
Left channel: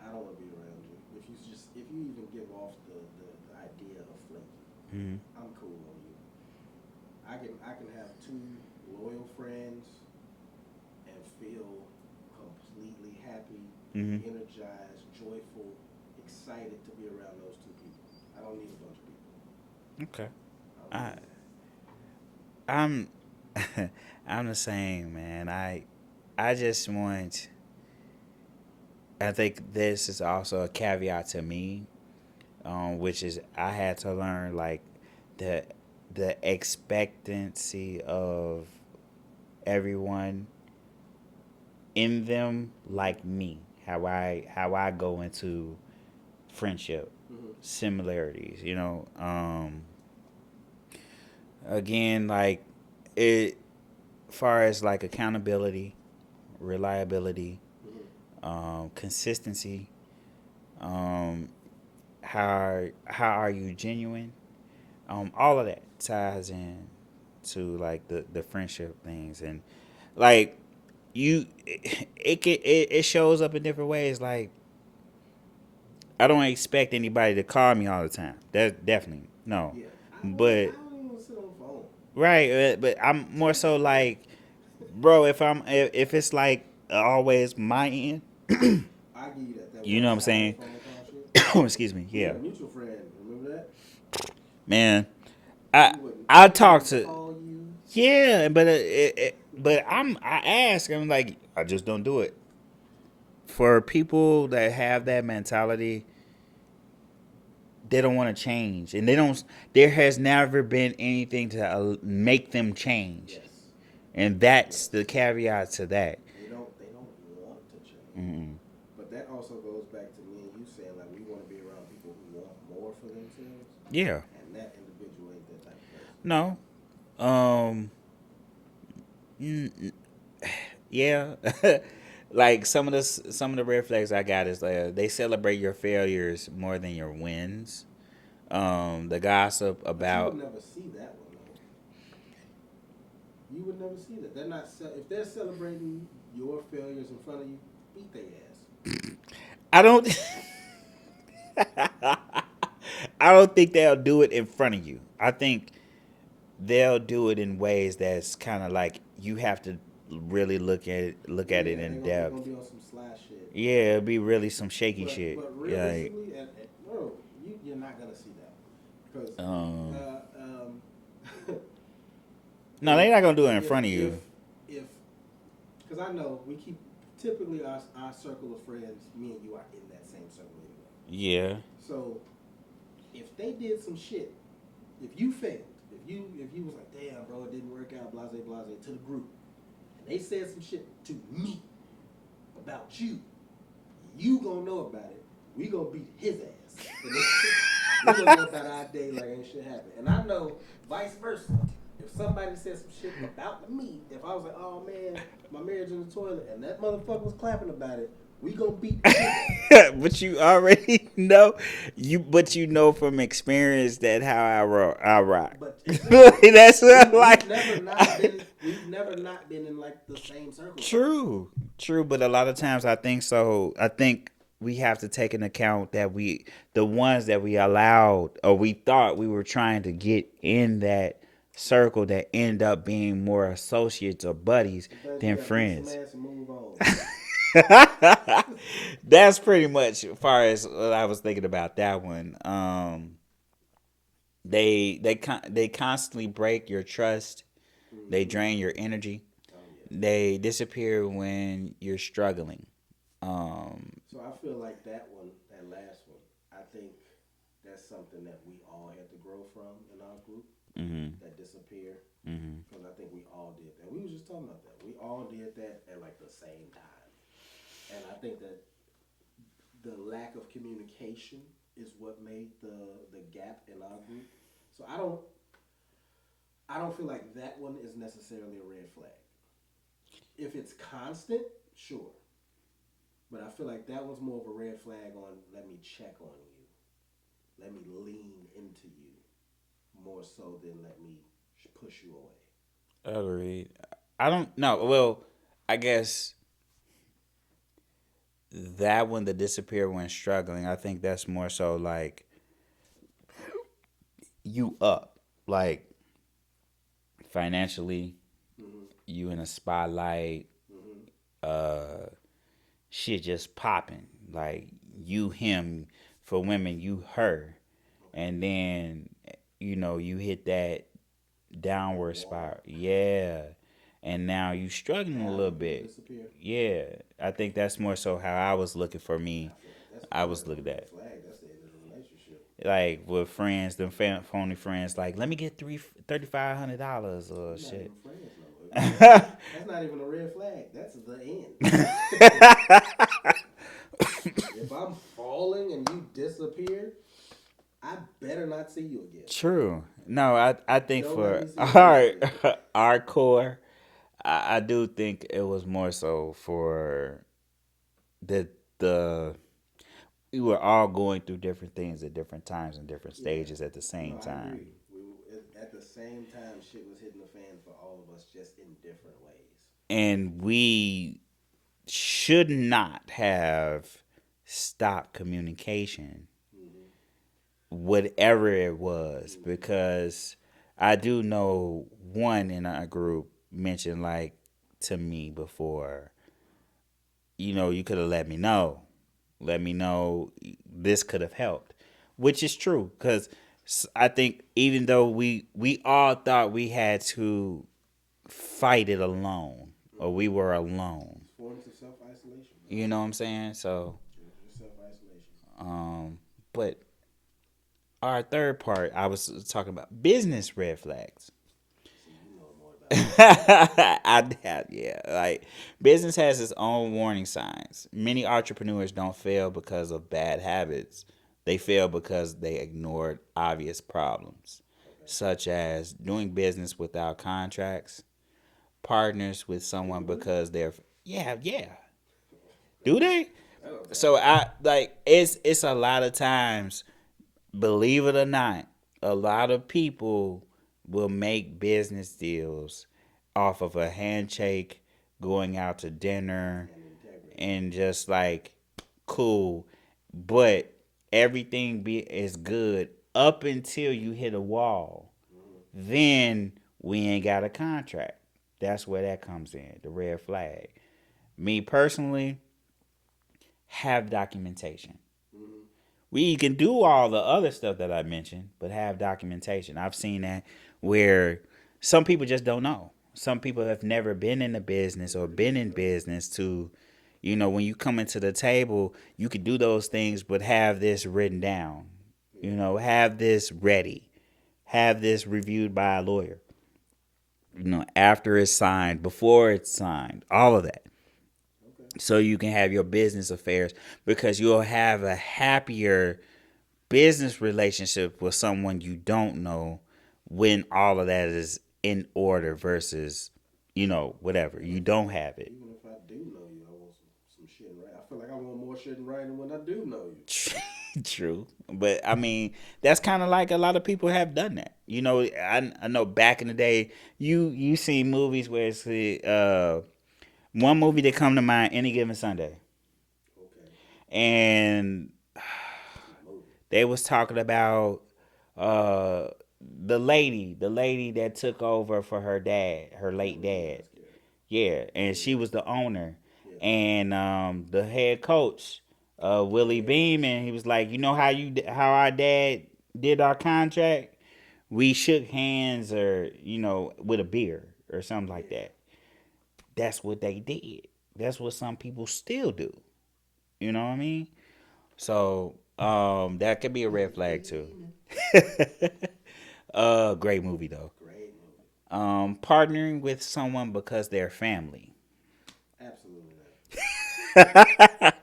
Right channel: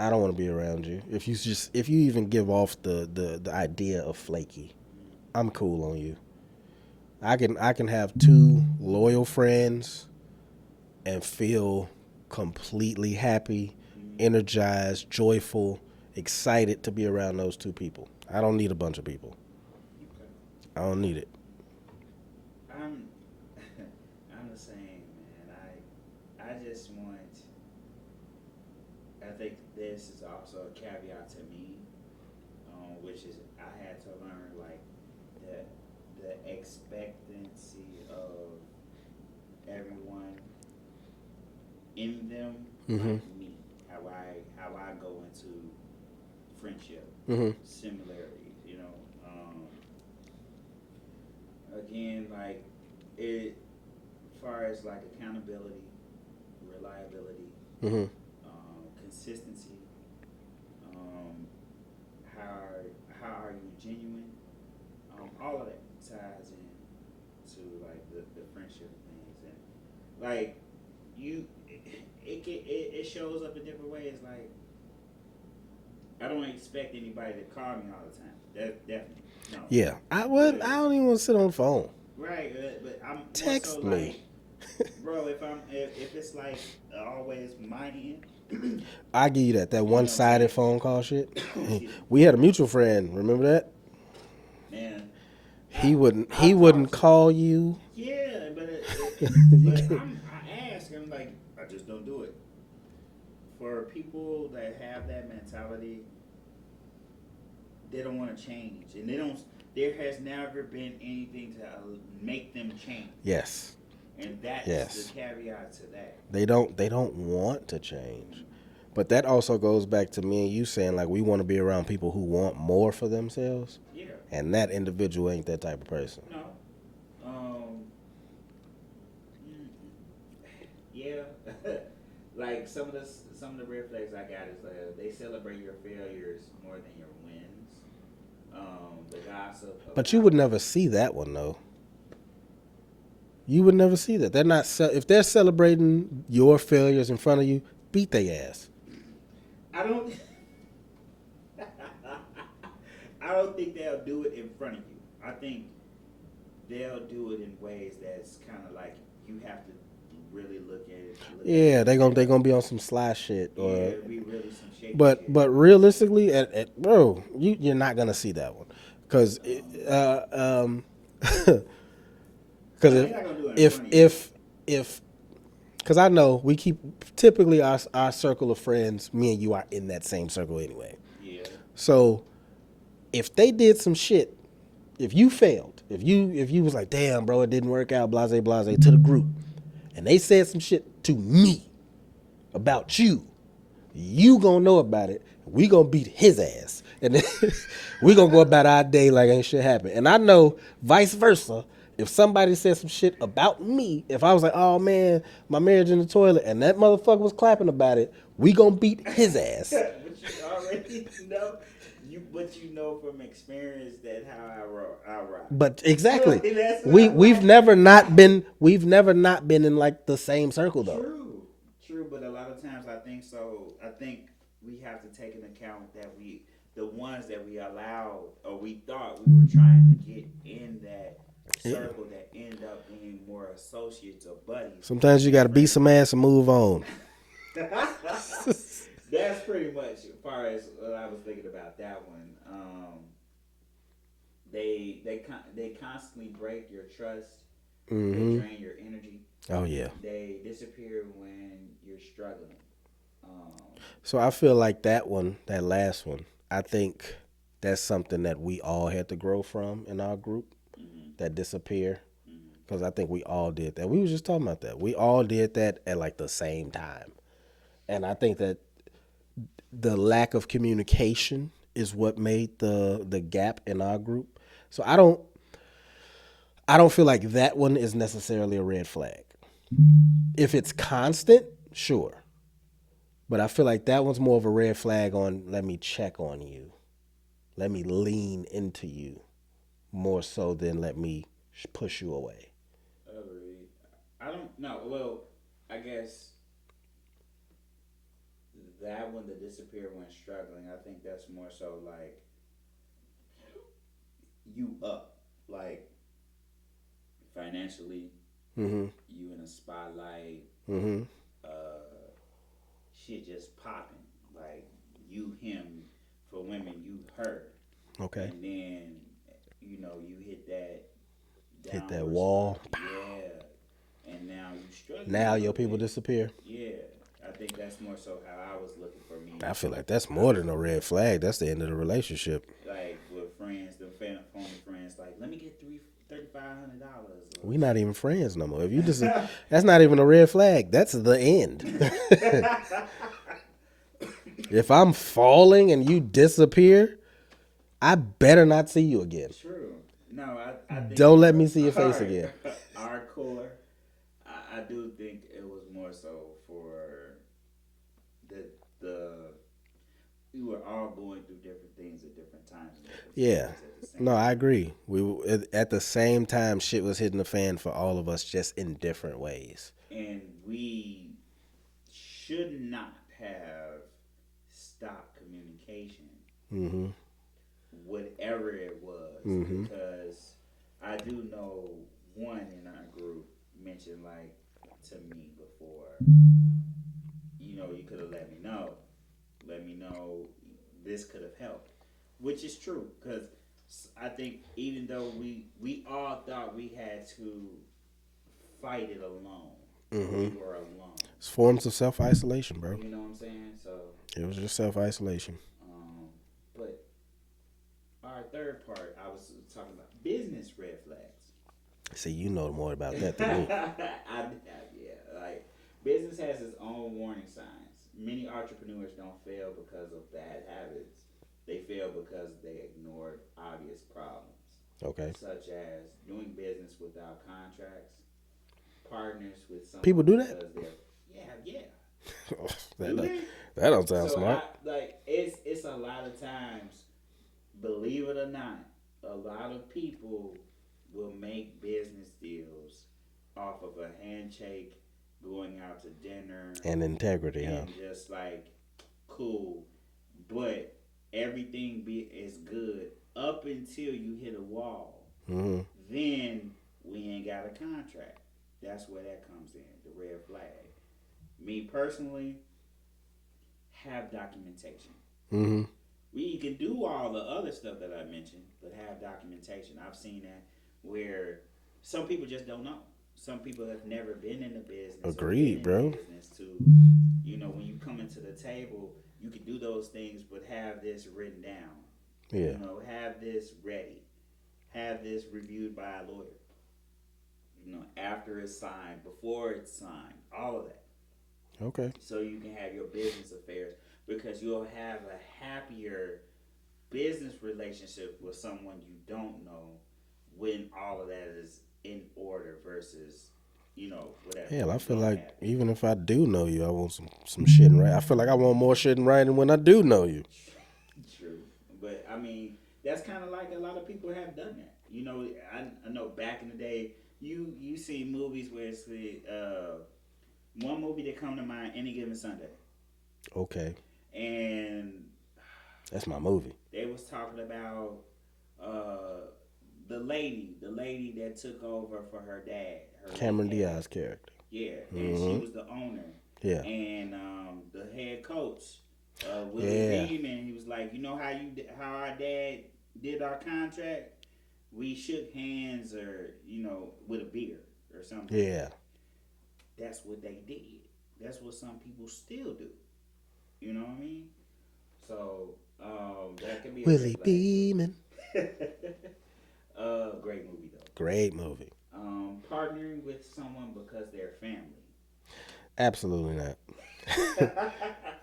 I don't want to be around you. If you even give off the idea of flaky, I'm cool on you. I can have 2 loyal friends and feel completely happy, energized, joyful, excited to be around those 2 people. I don't need a bunch of people. Okay. I don't need it. I'm the same, man. I just want. I think this is also a caveat to me, which is I had to learn like the expectancy of everyone in them like me. How I go into friendship similarities. Again, like it, far as like accountability, reliability, consistency, how are you genuine, all of that ties in to like the friendship things. And like it shows up in different ways. Like I don't expect anybody to call me all the time. That's definitely no. Yeah. I don't even want to sit on the phone. Right, but I'm more so like, bro, if it's like always my end, I give you that. That You know what I'm one-sided saying? phone call shit. Excuse me. We Yeah. had a mutual friend. Remember that? Man, He wouldn't. I He talk wouldn't to call you. yeah, but I ask. I'm like, I just don't do it. For people that have that mentality, they don't want to change, and they don't. There has never been anything to make them change. Yes. And that's the Yes. caveat to that. They don't want to change. But that also goes back to me and you saying like we want to be around people who want more for themselves. Yeah. And that individual ain't that type of person. No. Yeah. Like some of the red flags I got is they celebrate your failures more than your wins. The gossip about. But you would never see that one though. You would never see that. They're not if they're celebrating your failures in front of you, beat their ass. I don't. I don't think they'll do it in front of you. I think they'll do it in ways that's kind of like you have to really look at it. Yeah, they're gonna be on some sly shit. Yeah, it'll be really some shaky shit. But realistically, bro, you're not gonna see that one because no, they're not gonna do it in front of you. If because I know we keep typically our circle of friends, me and you are in that same circle anyway. Yeah. So if they did some shit, if you failed, if you was like, damn, bro, it didn't work out, blase blase to the group, and they said some shit to me about you, you gonna know about it. We gonna beat his ass, and then we gonna go about our day like ain't shit happened. And I know vice versa. If somebody said some shit about me, if I was like, oh man, my marriage in the toilet, and that motherfucker was clapping about it, we gonna beat his ass. But you already know, but you know from experience that how I rock. But exactly, That's we've never not been in like the same circle though. True. But a lot of times I think so. I think we have to take into account that the ones that we allowed or we thought we were trying to get in that circle that end up being more associates or buddies. Sometimes you gotta beat some ass and move on. That's pretty much as far as what I was thinking about that one. They constantly break your trust. Mm-hmm. They drain your energy. Oh yeah. They disappear when you're struggling. So I feel like that last one, I think that's something that we all had to grow from in our group. Mm-hmm. That disappear. Because I think we all did that. We were just talking about that. We all did that at like the same time. And I think that the lack of communication is what made the gap in our group. So I don't feel like that one is necessarily a red flag. If it's constant, sure. But I feel like that one's more of a red flag on let me check on you. Let me lean into you more so than let me push you away. Agreed. I don't know. Well, I guess that one, the disappear when struggling, I think that's more so like you up, like financially, you in a spotlight, shit just popping, like you him, for women you her, okay, and then you hit that downward spot, yeah. And now you struggling. Now a little your people bit. disappear. Yeah, I think that's more so how I was looking for me. I feel like that's more than a red flag. That's the end of the relationship. Like with friends, them phony friends, like let me get $3,500. We're not even friends no more. If you just, that's not even a red flag. That's the end. If I'm falling and you disappear, I better not see you again. True. No, I think don't let me see your face again. Our core. I do think it was more so for the we were all going through different things at different times and different stages at the same time. No, I agree. We at the same time shit was hitting the fan for all of us, just in different ways. And we should not have stopped communication. Mm-hmm. Whatever it was, because I do know one in our group mentioned like to me before, you could have let me know. let me know this could have helped, which is true because I think even though we all thought we had to fight it alone or we were alone. It's forms of self-isolation, bro. You know what I'm saying? So it was just self-isolation. But our third part, I was talking about business red flags. See, you know more about it. Yeah. Like, business has its own warning signs. Many entrepreneurs don't fail because of bad habits. They fail because they ignored obvious problems. Okay. Such as doing business without contracts, partners with someone People do because they're yeah. That Do they? That don't sound So right. it's a lot of times, believe it or not, a lot of people will make business deals off of a handshake, going out to dinner, and integrity, and just like cool, but everything is good up until you hit a wall. Then we ain't got a contract. That's where that comes in, the red flag. Me personally, have documentation. We can do all the other stuff that I mentioned, but have documentation. I've seen that where some people just don't know. Some people have never been in the business or been in business to, when you come into the table, you could do those things, but have this written down. Yeah. Have this ready. Have this reviewed by a lawyer. After it's signed, before it's signed, all of that. Okay. So you can have your business affairs because you'll have a happier business relationship with someone you don't know when all of that is in order versus, whatever. Yeah, you don't have it. Even if I do know you, I want some shit in writing. I feel like I want more shit in writing when I do know you. True. But, I mean, that's kind of like a lot of people have done that. I know back in the day, you see movies where it's one movie that come to mind, Any Given Sunday. Okay. And that's my movie. They was talking about the lady that took over for her dad, her Cameron late dad. Diaz's character. Yeah, and she was the owner. Yeah. And the head coach, Willie Beam, and he was like, how our dad did our contract? We shook hands or, with a beer or something like that. That's what they did. That's what some people still do. You know what I mean? So that could be a red flag too. Great movie though. Great movie. Partnering with someone because they're family. Absolutely not.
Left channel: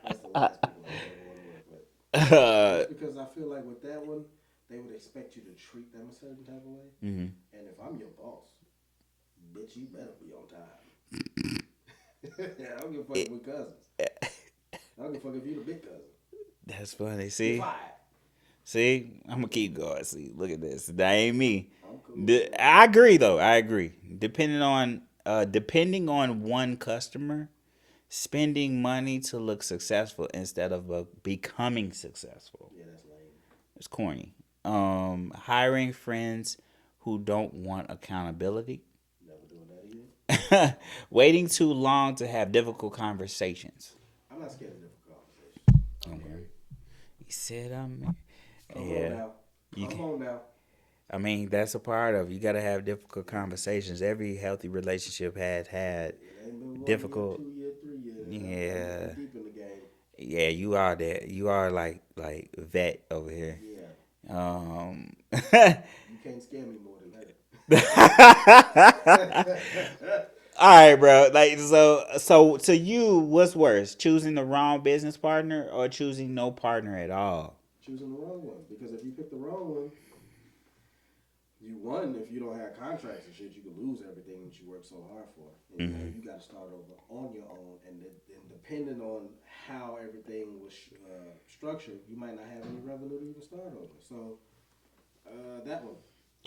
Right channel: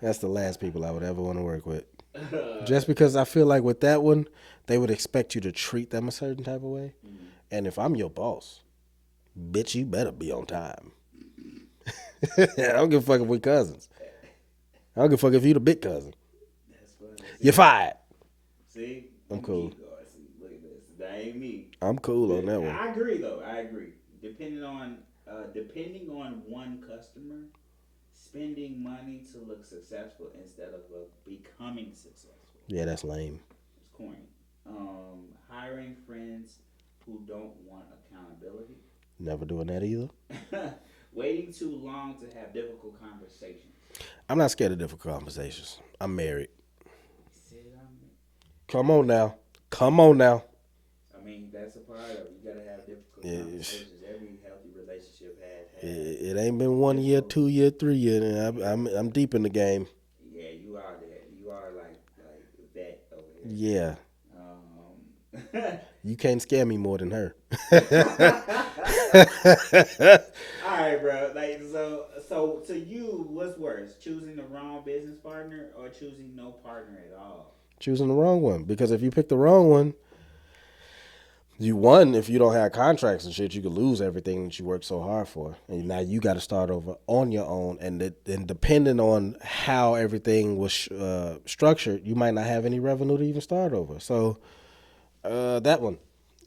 That's the last people I would ever want to work with. Just because I feel like with that one, they would expect you to treat them a certain type of way. Mm-hmm. And if I'm your boss, bitch, you better be on time. I don't give a fuck if we cousins. I don't give a fuck if you the big cousin. That's funny. See, you're fired. See, I'm gonna keep going. See, look at this. That ain't me. I'm cool. I agree, though. I agree. Depending on one customer, spending money to look successful instead of becoming successful. Yeah, that's lame. It's corny. Hiring friends who don't want accountability. Never doing that either. Waiting too long to have difficult conversations. I'm not scared of difficult conversations. I'm married. He said I'm. Come on now. I mean, that's a part of it. You got to have difficult conversations. Every healthy relationship had. It ain't been 1 year, 2 year, 3 year. And I'm deep in the game. Yeah, you are there. You are like vet over here. Yeah. You can't scare me more than her. All right, bro. Like so to you, what's worse? Choosing the wrong business partner or choosing no partner at all? Choosing the wrong one. Because if you pick the wrong one, if you don't have contracts and shit, you could lose everything that you worked so hard for. And now you got to start over on your own. And depending on how everything was structured, you might not have any revenue to even start over. So that one.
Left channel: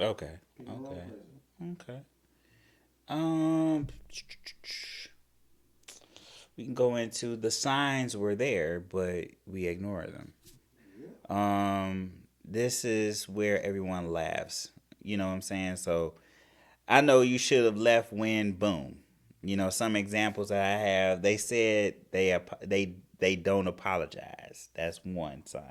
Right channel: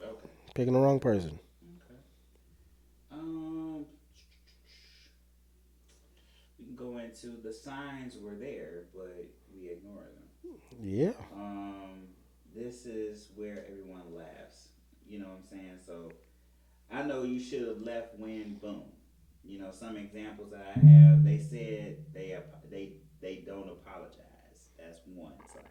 Okay. Picking the wrong person. Okay. We can go into the signs were there, but we ignore them. Yeah. This is where everyone laughs. You know what I'm saying? So I know you should have left when boom. Some examples that I have, they said they don't apologize. apologize. That's one sign.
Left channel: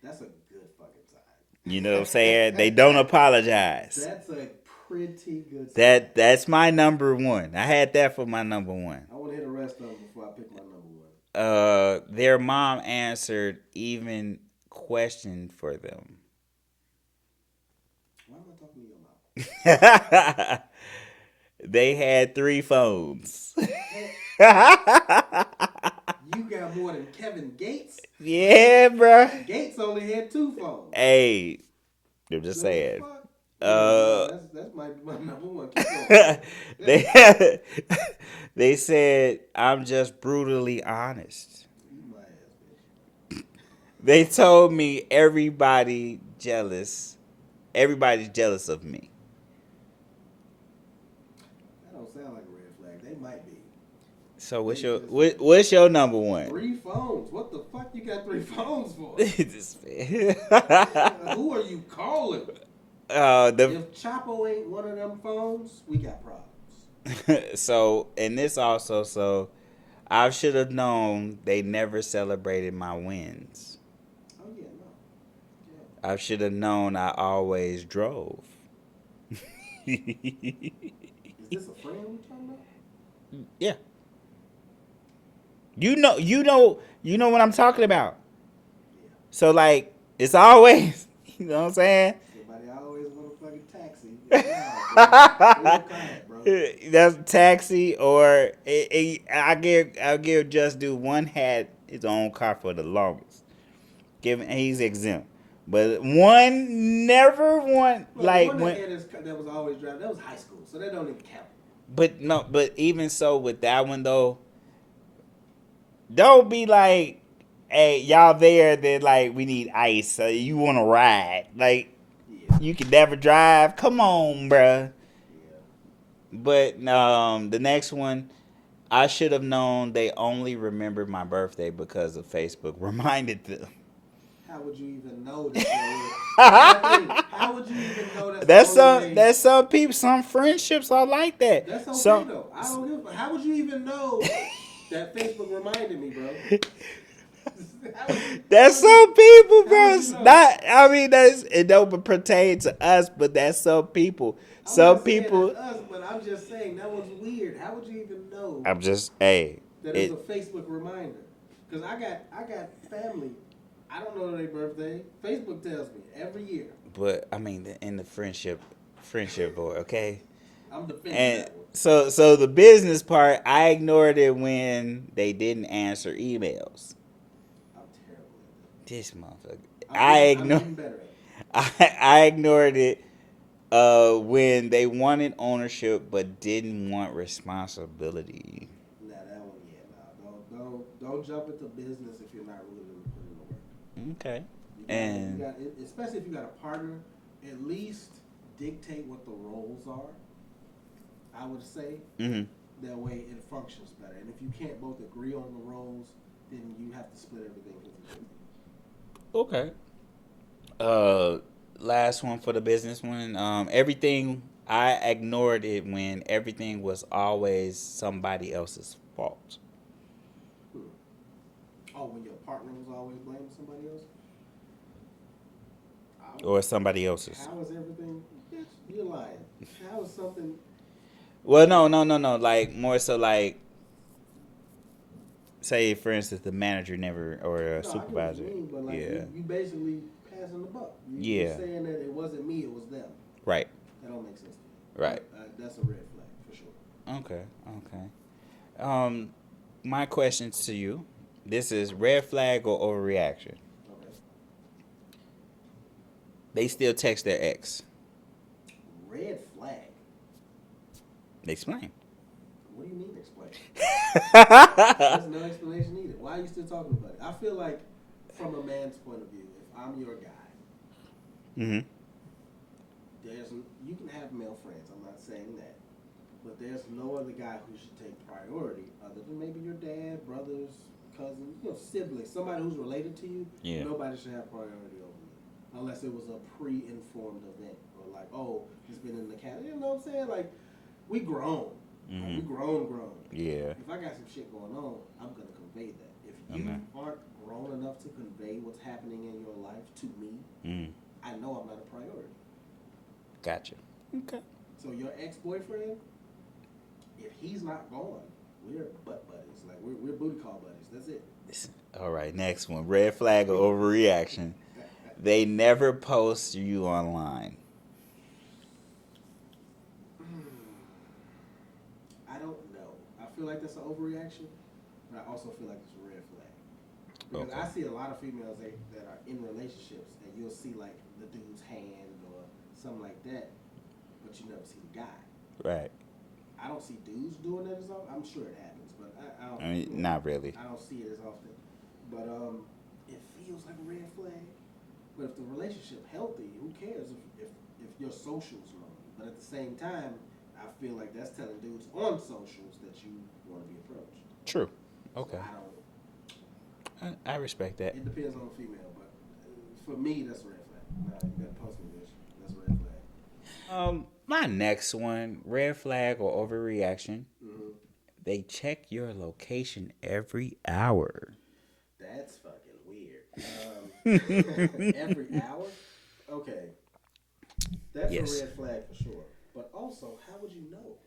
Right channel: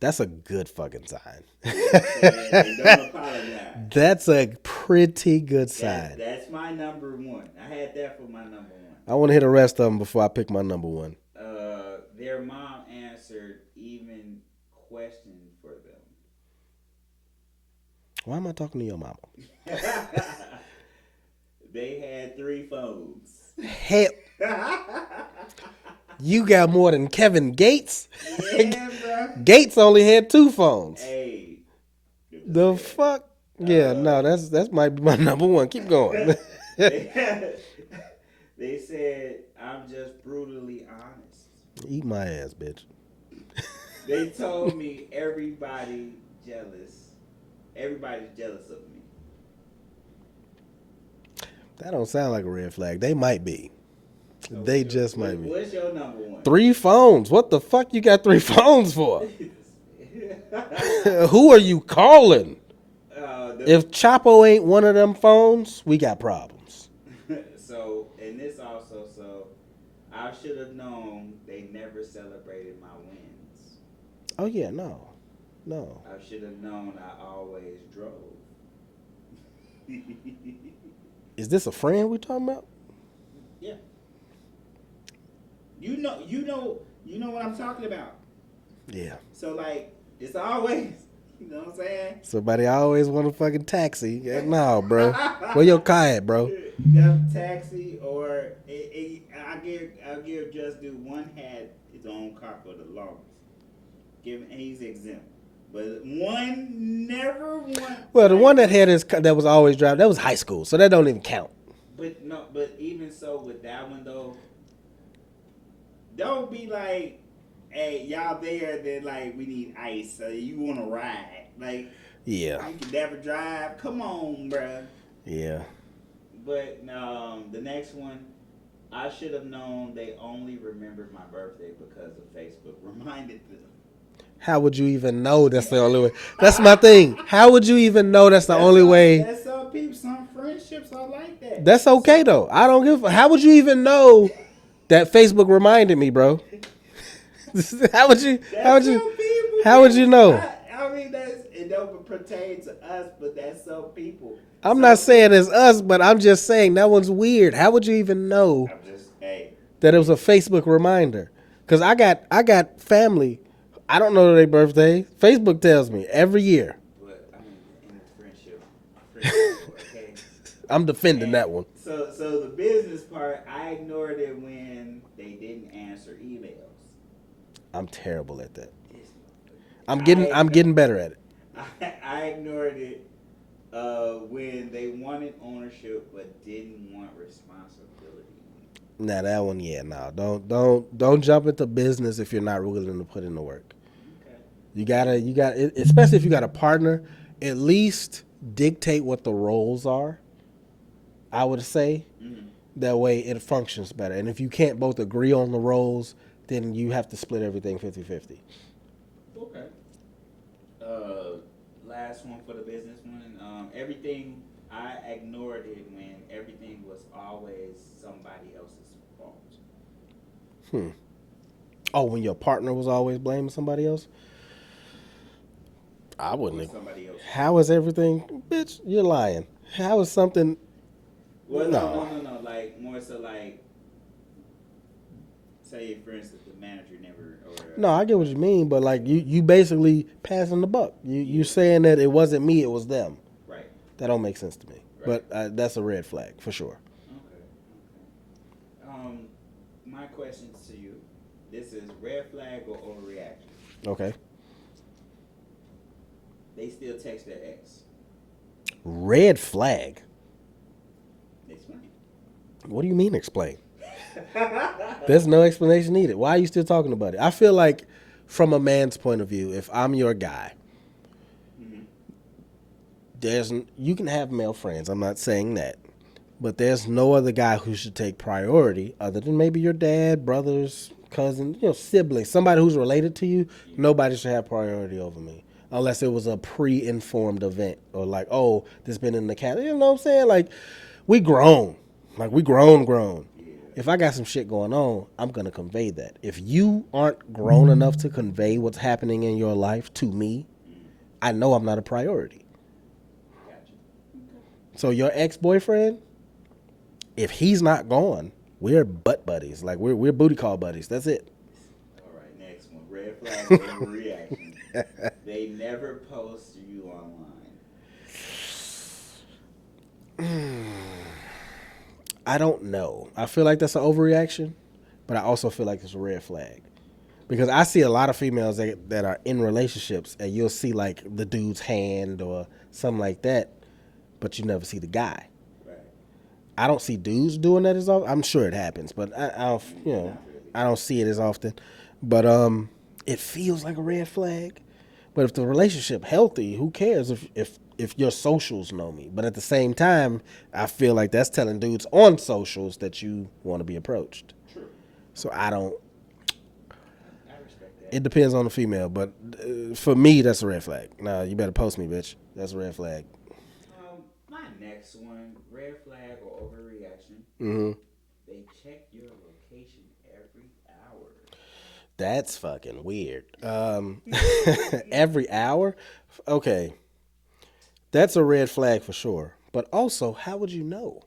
That's a good fucking sign. You know what I'm saying? They don't apologize. That's a pretty good sign. That's my number one. I had that for my number one. I want to hear the rest of them before I pick my number one. Their mom answered even question for them. Why am I talking to your mama? They had 3 phones. Hell, you got more than Kevin Gates. Yeah, bro. Gates only had 2 phones. Hey, I'm just The saying. fuck? Yeah, no, that's might be my number one. Keep going. They said, I'm just brutally honest. Eat my ass, bitch. They told me everybody's jealous of me. That don't sound like a red flag. They might be. So They just might be. what's your number one? 3 phones. What the fuck you got 3 phones for? Who are you calling? If Chapo ain't one of them phones, we got problems. So, and this also, so I should have known they never celebrated my wins. Oh yeah, no. I should have known I always drove. Is this a friend we talking about? Yeah. You know what I'm talking about. Yeah. So like, it's always, you know what I'm saying? Somebody always want a fucking taxi. No, bro. Where your car at, bro? That's taxi, or I'll give Just Do one had his own car for the longest. He's exempt. But one never won. Well, the one that had his that was always driving, that was high school, so that don't even count. But even so with that one though, don't be like, hey, y'all there, then like we need ice, so you want to ride. Like, Yeah. you can never drive. Come on, bruh. Yeah. But the next one, I should have known they only remembered my birthday because of Facebook reminded them. How would you even know that's the only way? That's my thing. How would you even know that's the only way? That's some people, some friendships are like that. That's okay though. I don't give. How would you even know that Facebook reminded me, bro? How would you? That's some people. How would you know? It don't pertain to us, but that's some people. I'm Some not saying people- it's us, but I'm just saying that one's weird. How would you even know I'm just that that it was a Facebook reminder? Because I got family. I don't know their birthday. Facebook tells me every year. But I mean, in the friendship board, okay. I'm defending And that one. So the business part, I ignored it when they didn't answer emails. I'm terrible at that. This motherfucker. I'm getting better at it. I ignored it when they wanted ownership but didn't want responsibility. Now that one, yeah, no. Don't jump into business if you're not willing to put in the work. Okay. You gotta, especially if you got a partner, at least dictate what the roles are. I would say that way it functions better. And if you can't both agree on the roles, then you have to split everything 50-50. Okay. Last one for the business one. Everything, I ignored it when everything was always somebody else's fault. Oh, when your partner was always blaming somebody else? Or somebody else's. How is everything? Bitch, you're lying. How is something... Well, no. Like, more so like, say, for instance, the manager never, or No, I get what you mean, but like Yeah. you basically passing the buck. You saying that it wasn't me, it was them. Right. That don't make sense to me. Right. But that's a red flag for sure. Okay. My question to you, this is red flag or overreaction. Okay. They still text their ex. Red flag. Explain. What do you mean explain? There's no explanation needed. Why are you still talking about it? I feel like from a man's point of view, if I'm your guy, you can have male friends. I'm not saying that. But there's no other guy who should take priority other than maybe your dad, brothers, cousins, siblings, somebody who's related to you. Yeah. Nobody should have priority over me. Unless it was a pre-informed event or like, oh, this been in the cat. You know what I'm saying? Like, we grown. Like we grown. Yeah. If I got some shit going on, I'm gonna convey that. If you aren't grown enough to convey what's happening in your life to me, I know I'm not a priority. Gotcha. Okay. So your ex-boyfriend, if he's not gone, we're butt buddies. Like we're booty call buddies. That's it. All right, next one. Red flag or overreaction. They never post you online. I don't know. I feel like that's an overreaction, but I also feel like it's a red flag. Because I see a lot of females that are in relationships, and you'll see like the dude's hand or something like that, but you never see the guy. Right. I don't see dudes doing that as often. I'm sure it happens, but I don't. I mean, not really. I don't see it as often. But it feels like a red flag. But if the relationship healthy, who cares if your socials know me? But at the same time, I feel like that's telling dudes on socials that you want to be approached. True. So I don't. I respect that. It depends on the female, but for me, that's a red flag. Nah, you better post me, bitch. That's a red flag. My next one, red flag or overreaction. Mm-hmm. They check your location every hour. That's fucking weird. Every hour? Okay. That's a red flag for sure. But also, how would you know?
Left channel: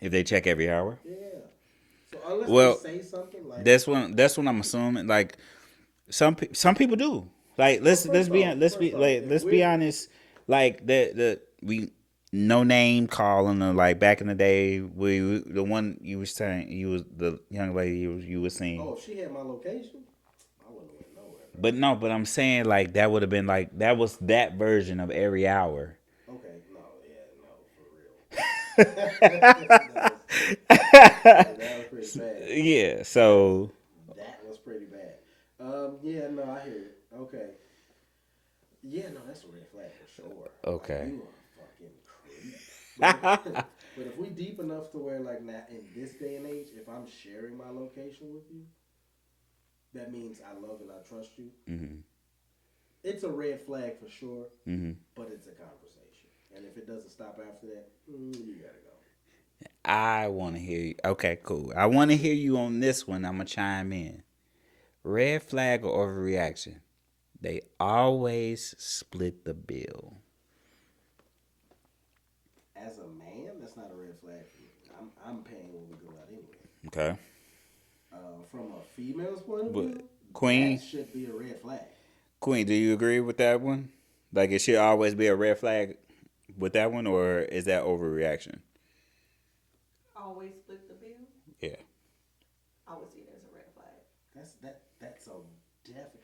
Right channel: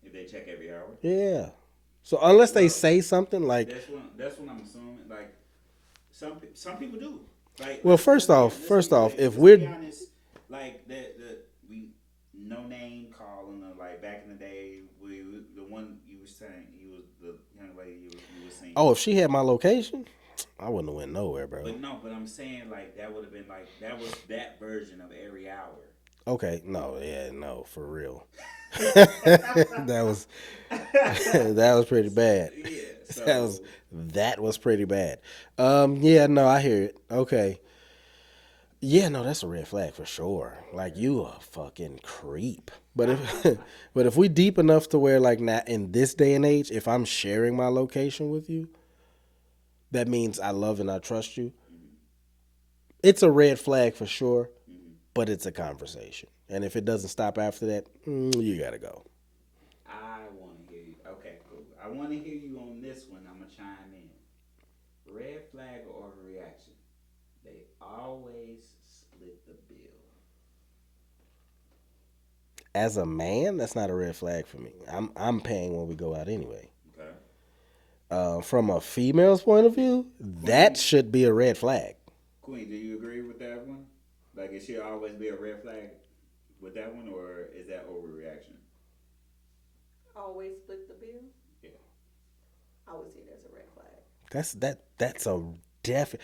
If they check every hour? Yeah. So unless they say something like that's when I'm assuming like some people do. Like Well, let's first off, let's be honest. Like we no name calling them, like back in the day, the one you was saying, you was the young lady you was seeing. Oh, if she had my location, I wouldn't have went nowhere, bro. But I'm saying like that would have been like that was that version of every hour. Okay, no, for real. that was pretty bad. Yeah, so that was pretty bad. Yeah, no, I hear it. Okay. Yeah, no, that's a red flag for sure. Okay. Like you a fucking creep. But if we deep enough to where like not in this day and age, if I'm sharing my location with you, that means I love and I trust you. Mm-hmm. It's a red flag for sure, but it's a conversation. And if it doesn't stop after that, you gotta go. I want to hear you. Okay, cool. I want to hear you on this one. I'm gonna chime in. Red flag or overreaction? They always split the bill. As a man, that's not a red flag for me. I'm paying when we go out anyway. Okay. From a female's point of view, Queen, that should be a red flag. Queen, do you agree with that one? Like it should always be a red flag with that one, or is that overreaction? Always split the bill? Yeah. I would see it as a red flag. That's a definite.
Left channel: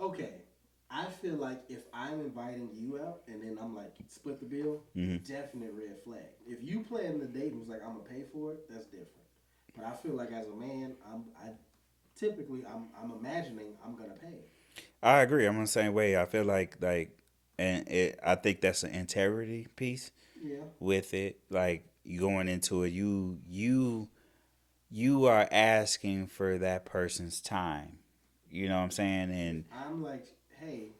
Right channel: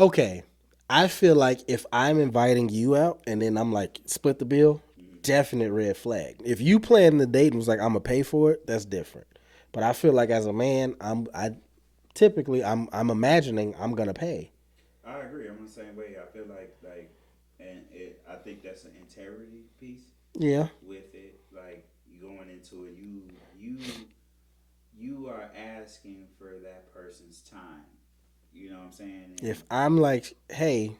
Okay. I feel like if I'm inviting you out and then I'm like split the bill, definite red flag. If you planned the date and was like I'm gonna pay for it, that's different. But I feel like as a man, I'm imagining I'm gonna pay. I agree. I'm the same way. I feel like I think that's an integrity piece. Yeah. With it, like you going into it, you are asking for that person's time. You know what I'm saying? And if I'm like, hey,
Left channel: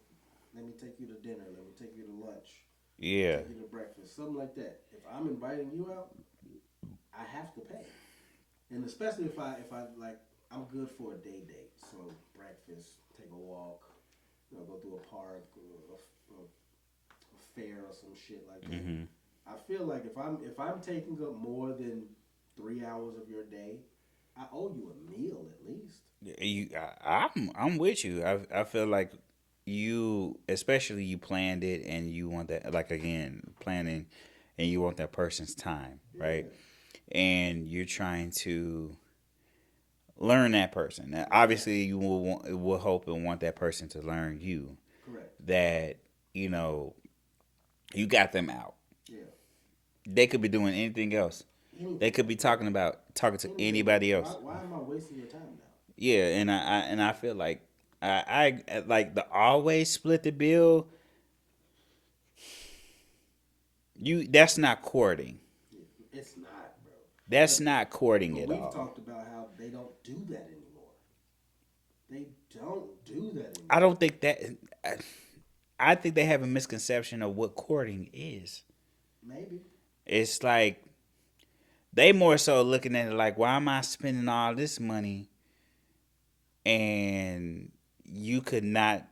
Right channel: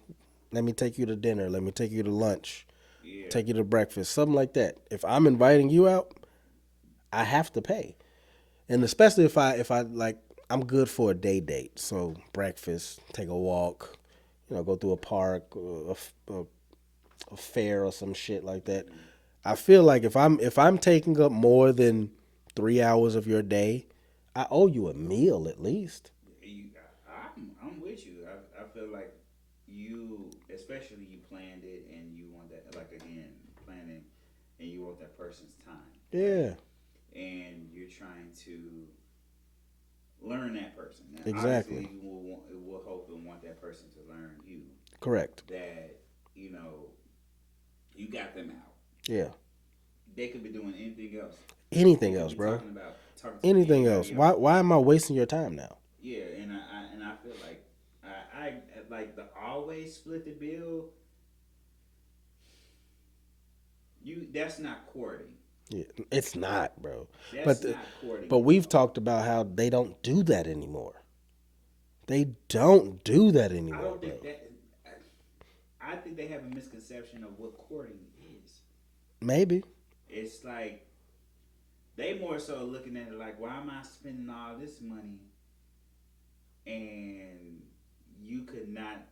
let me take you to dinner, let me take you to lunch, take you to breakfast, something like that. If I'm inviting you out, I have to pay. And especially if I like, I'm good for a day date. So breakfast, take a walk, go through a park, a fair or some shit like that. Mm-hmm. I feel like if I'm taking up more than 3 hours of your day, I owe you a meal at least. I'm with you. I feel like especially you planned it and you want that, like again, planning, and you want that person's time, right? And you're trying to learn that person. Now, exactly. Obviously, you will hope and want that person to learn you. Correct. That you got them out. Yeah. They could be doing anything else. They could be talking to anybody else. Why am I wasting your time now? Yeah, and I feel like I like the always split the bill. That's not courting. Yeah, it's not, bro. That's not courting. But we've talked about how they don't do that anymore. They don't do that anymore. I don't think that. I think they have a misconception of what courting is. Maybe. It's like They more so looking at it like, why am I spending all this money and you could not?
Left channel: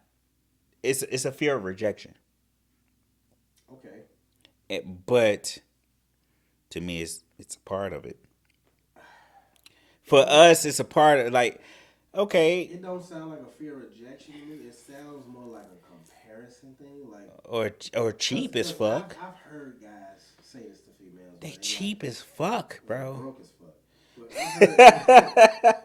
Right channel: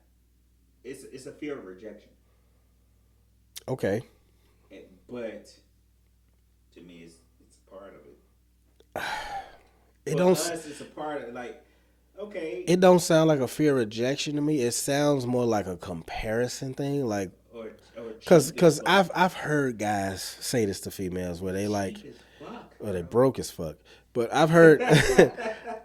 It's a fear of rejection. Okay. But to me, it's a part of it. It For don't- us, it's a part of like, okay, It don't sound like a fear of rejection to me. It sounds more like a comparison thing, like or cheap as because fuck. I've heard guys say this to females where they cheap like as fuck, or they bro. broke as fuck. But I've heard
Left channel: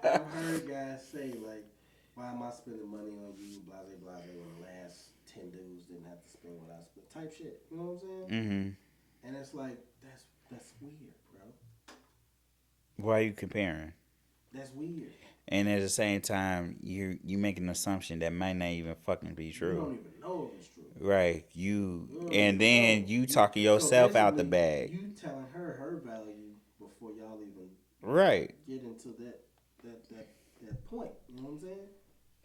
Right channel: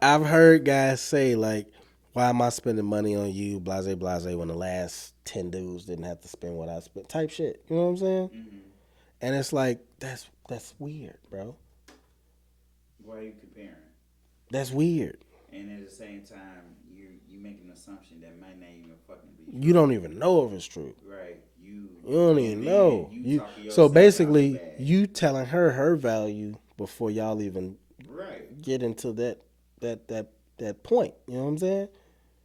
I've heard guys say like, why am I spending money on you, blase blase, when the last 10 dudes didn't have to spend what I spent, type shit. You know what I'm saying? Mm-hmm. And it's like that's weird, bro. Why are you comparing? That's weird. And at the same time, you make an assumption that might not even fucking be true. You don't even know if it's true. Right. You don't even And then know. you You- talking so yourself basically, out the bag. you telling her value before y'all even Right. get into that point. You know what I'm saying?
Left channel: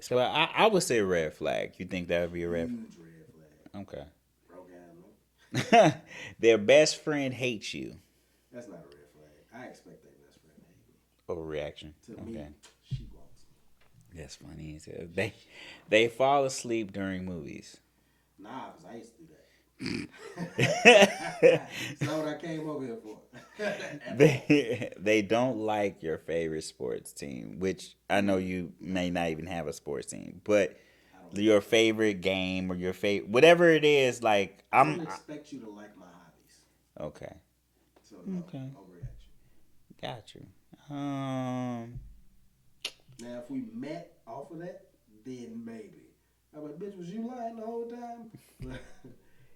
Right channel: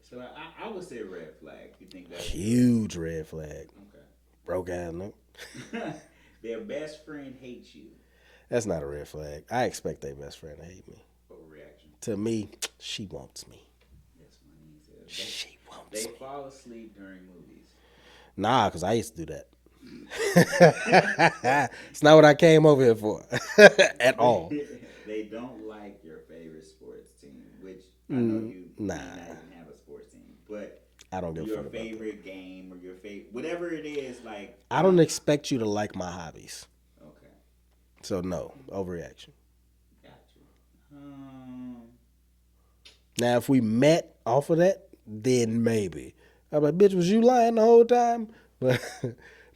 So I would say red flag. You think that would be a Huge red flag. red? Broke ass no. Okay. Their best friend hates you. That's not a red flag. I expect their best friend to hate me. Overreaction. To me, she wants me. That's funny. They fall asleep during movies. Nah, because I used to do that. It's not what I came over here for at all. They don't like your favorite sports team, which I know you may not even have a sports team, but I don't give a your fuck. favorite game or your favorite whatever it is, like I don't expect you to like my hobbies. Okay, So no, overreaction. got you. Now, if we met off of that, then maybe. I'm like, bitch, was you lying the whole time?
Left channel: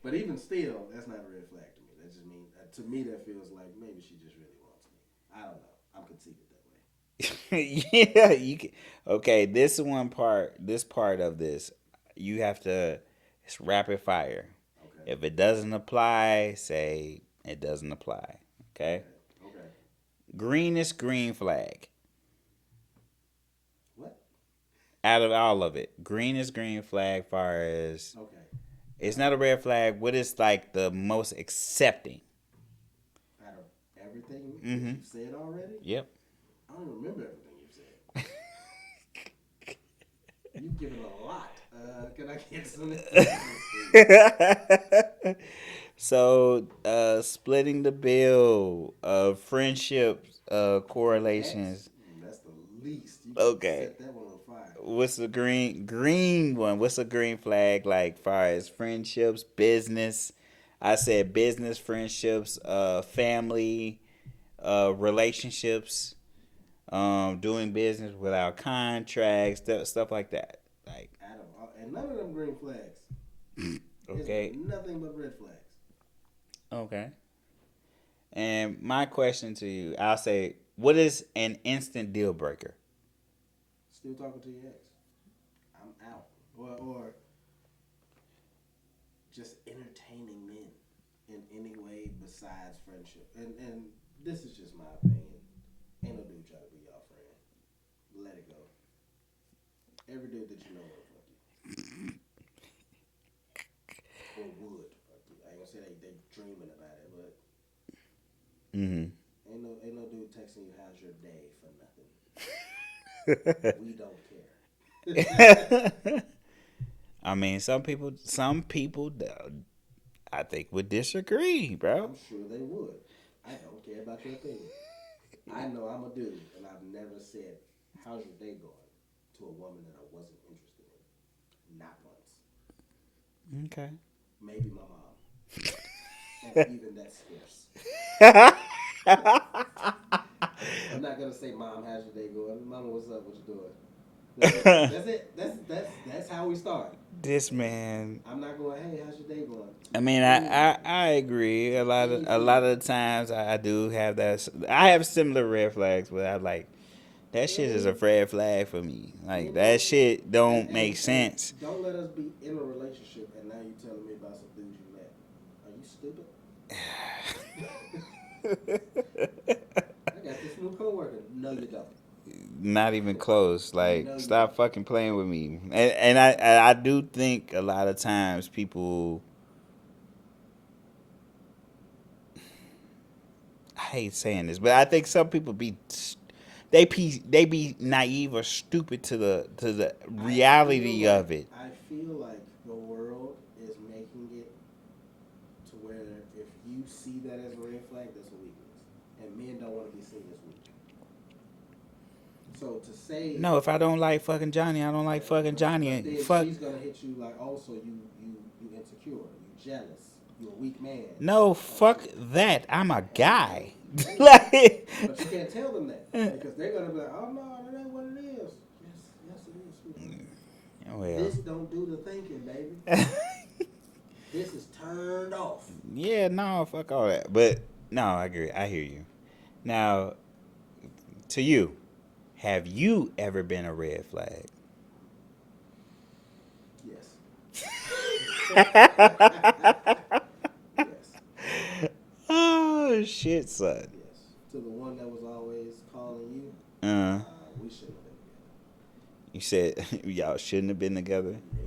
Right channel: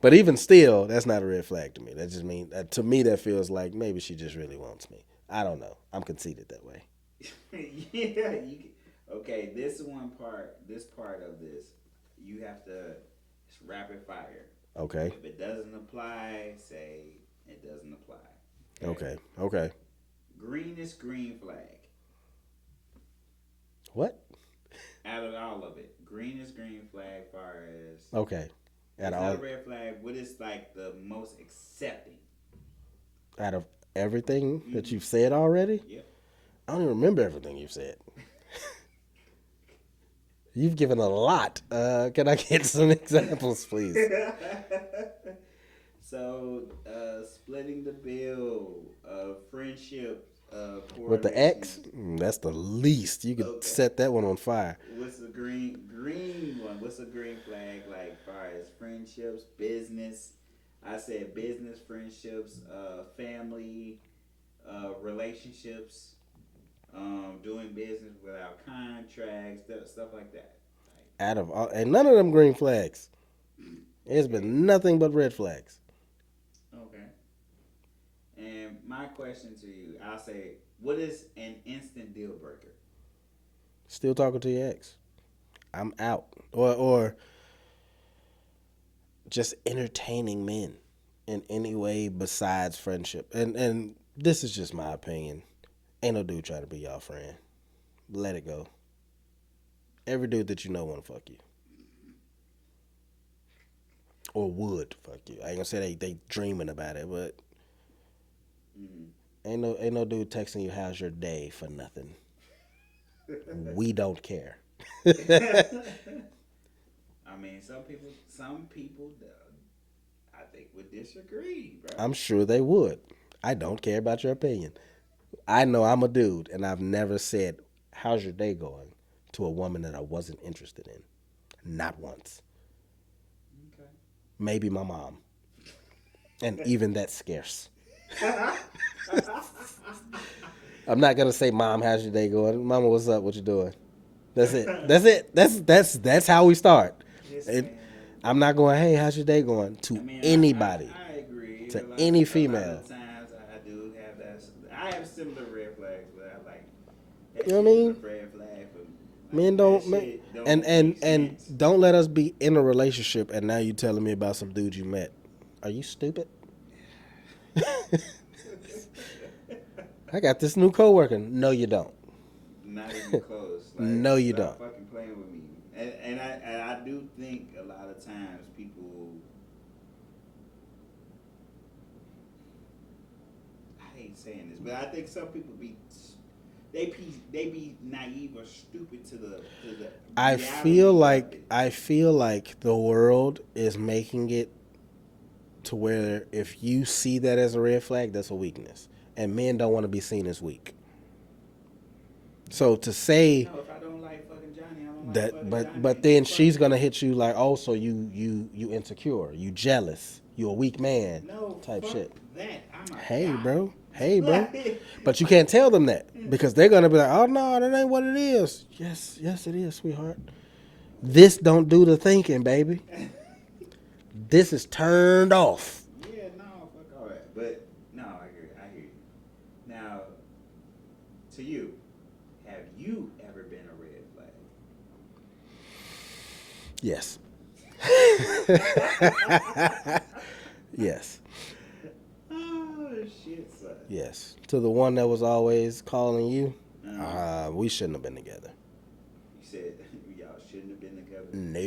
But even still, that's not a red flag to me. That just means, to me, that feels like maybe she just really wants me. I don't know. I'm conceited that way. Yeah, okay. This part of this, you have to. It's rapid fire. Okay. If it doesn't apply, say it doesn't apply. Okay. Green is green flag. What? Out of all of it, green is green flag. Far as Okay. it's not a red flag. What is like the most accepting? Out of everything that you've said already? Yep. I don't even remember everything you've said. You've given a lot. Can I get some examples, please? So, splitting the bill, friendships, With the correlations. X? That's the least. You can set that one on fire. What's the green one? What's a green flag like far as friendships, business? I said business, friendships, family, relationships, doing business without contracts, stuff like that. Like Out of all, and none of them green flags. There's Okay. been nothing but red flags. okay. And my question to you, I'll say, what is an instant deal breaker? Still talking to your ex. I'm out. Or just entertaining men in any way besides friendship. And this is just my opinion. Ain't no dude trying to be y'all friend. Let it go. Every dude that you know want to fuck you. Or would fuck you. I ain't gonna say they dreaming about it, but ain't no dude texting you how's your day for nothing. We don't care. I mean, some people, I think would disagree, bro. I'm sure they would. I don't care about your opinion. I know I'm a dude, and I've never said, how's your day going, to a woman that I wasn't interested in. Not once. Okay. Maybe my mom. And even that's scarce. I'm not gonna say, Mom, how's your day going? Mama, what's up? What you doing? That's it. That's how we start. This man. I'm not going, hey, how's your day going? To I mean, anybody. I agree. To A lot any of female. the times I do have that. I have similar red flags, but I like that You know shit what I is a mean? red flag for me. Like Men that shit don't and make sense. don't let us be in a relationship and now you telling me about some dude you met. Are you stupid? I got this new coworker. No, you don't. Not even close. Like, No, you stop don't. fucking playing with me. And I do think a lot of times people. hate saying this, but I think some people they be naive or stupid to the reality of it. I feel like the world is making it to where if you see that as a red flag, that's a weakness, and men don't want to be seen as weak. So to say no, if I don't like fucking Johnny, I don't like fucking Johnny. But then she's gonna hit you like, oh, so you insecure, you jealous, you a weak man. No, fuck shit. That. I'm a guy. Bro. Hey, bro. But you can't tell them that because they're gonna be like, oh no, that ain't what it is. Yes, it is, sweetheart. Oh, yeah. This don't do the thinking, baby. This is turned off. Yeah, no, fuck all that. But no, I agree. I hear you. Now, to you, have you ever been a red flag? Yes. Yes. Oh shit, son. Yes. To the one that was always calling you, we shouldn't have been together. You said y'all shouldn't have been together? No.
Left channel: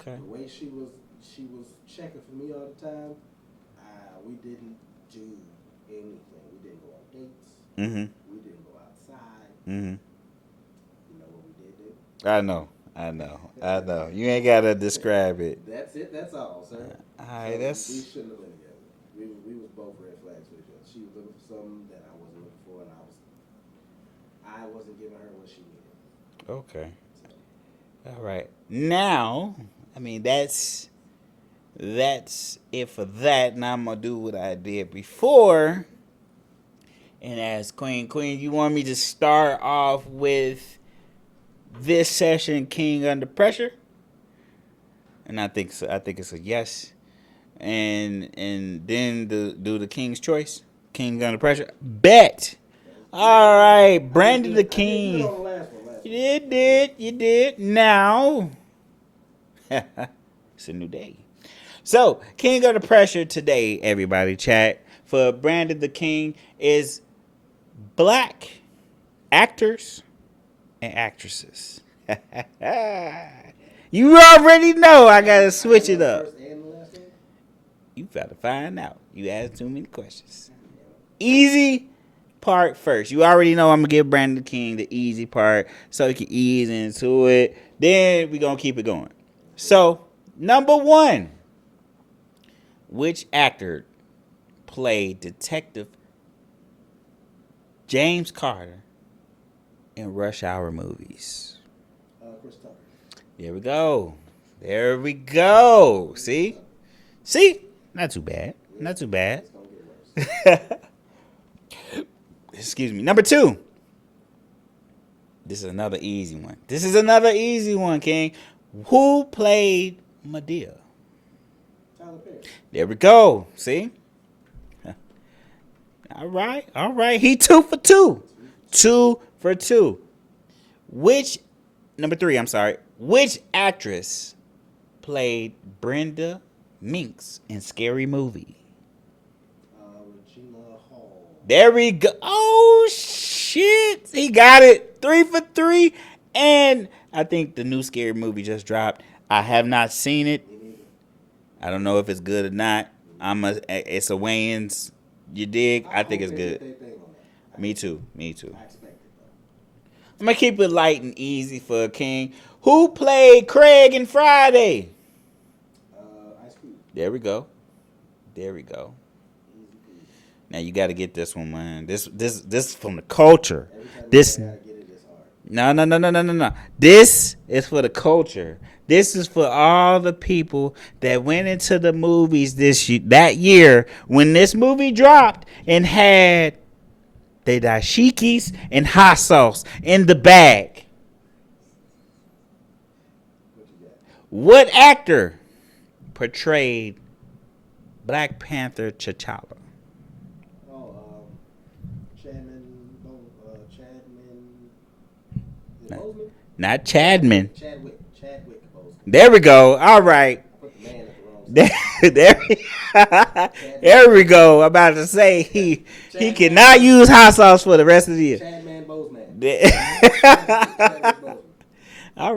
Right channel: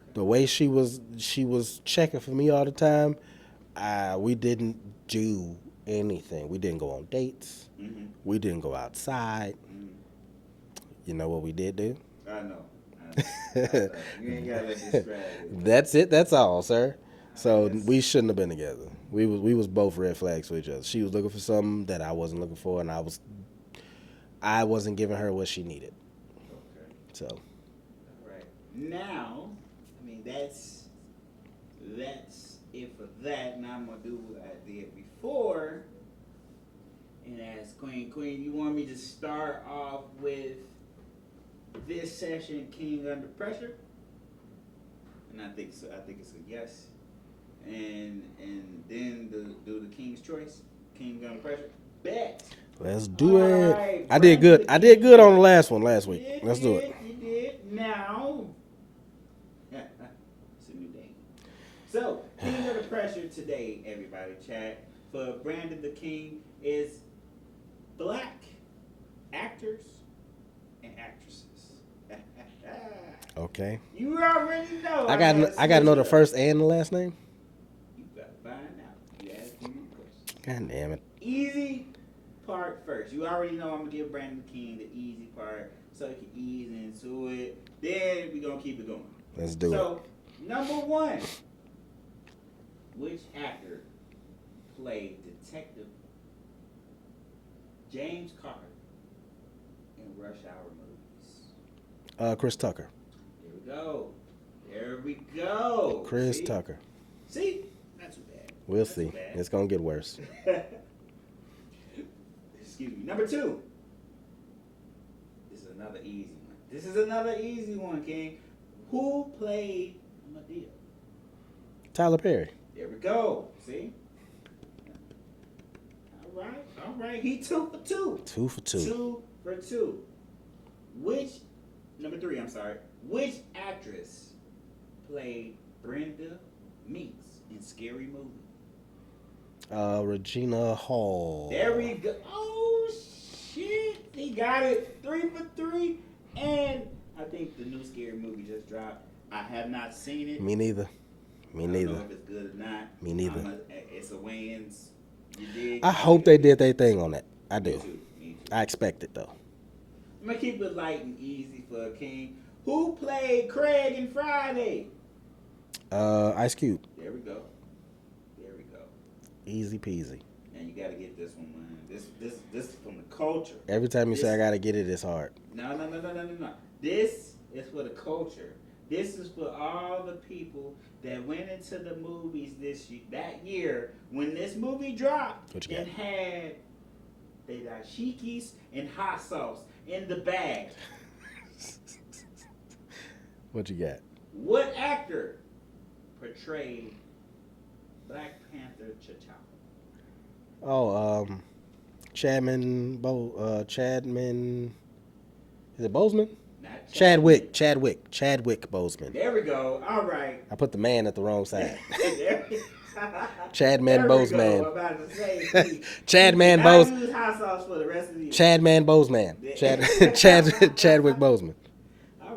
Okay. The way she was checking for me all the time, we didn't do anything. We didn't go on dates. Mm-hmm. We didn't go outside. Mm-hmm. You know what we did do? I know. You ain't gotta describe it. That's it. That's all, sir. So that's... we shouldn't have been together. We was both red flags for each other. She was looking for something that I wasn't looking for, and I wasn't giving her what she needed. Okay. So, all right. Now, I mean that's it for that. Now I'm gonna do what I did before, and ask Queen, you want me to start off with this session, King Under Pressure? And I think it's a yes. And then do the King's Choice, King Under Pressure. Bet. Let's do all it. Right, Brandon the King. I did good on the last week. You did. Now, it's a new day. So, King Under Pressure today, everybody, chat, for Brandon the King is black actors and actresses. Okay. You already know I gotta switch I gotta know it the up. first and the last name? You gotta find out. You asked too many questions. God damn it. Easy part first. You already know I'm gonna give Brandon the King the easy part so he can ease into it. Then we gonna keep it going. Let's do it. So, number one. Which actor played Detective James Carter in Rush Hour movies? Chris Tucker. There we go. Chris Tucker. See? Not too bad. Not too bad. It's going to get worse. Excuse me. Number two. This is another easy one. King. Who played Madea? Tyler Perry. There we go. See? All right. He 2 for 2. 2 for 2. 2 for 2. Number 3, I'm sorry. Which actress played Brenda Minks in Scary Movie? Regina Hall. There we go. Oh, shit. He got it. 3 for 3. And I think the new Scary Movie just dropped. I have not seen it. Me neither. I don't know if it's good or not. Me neither. It's a Wayans. You dig? I hope they did their thing on that. Me too. I expect it, though. I'm going to keep it light and easy for a King. Who played Craig in Friday? Ice Cube. There we go. Easy peasy. Now you got to get this one, man. This is from the culture. Every time you say I got to get it, it's hard. No. This is for the culture. This is for all the people that went into the movies that year when this movie dropped and had the dashikis and hot sauce in the bag. What you got? What actor portrayed Black Panther T'Challa? Oh, Chadman. Is it Boseman? Not Chadman. Chadwick Boseman. There we go. All right. I put the man at the wrong side. Chadman there we go. I'm about to say he cannot use hot sauce for the rest of the year. Chadman Boseman. Chadwick Boseman. All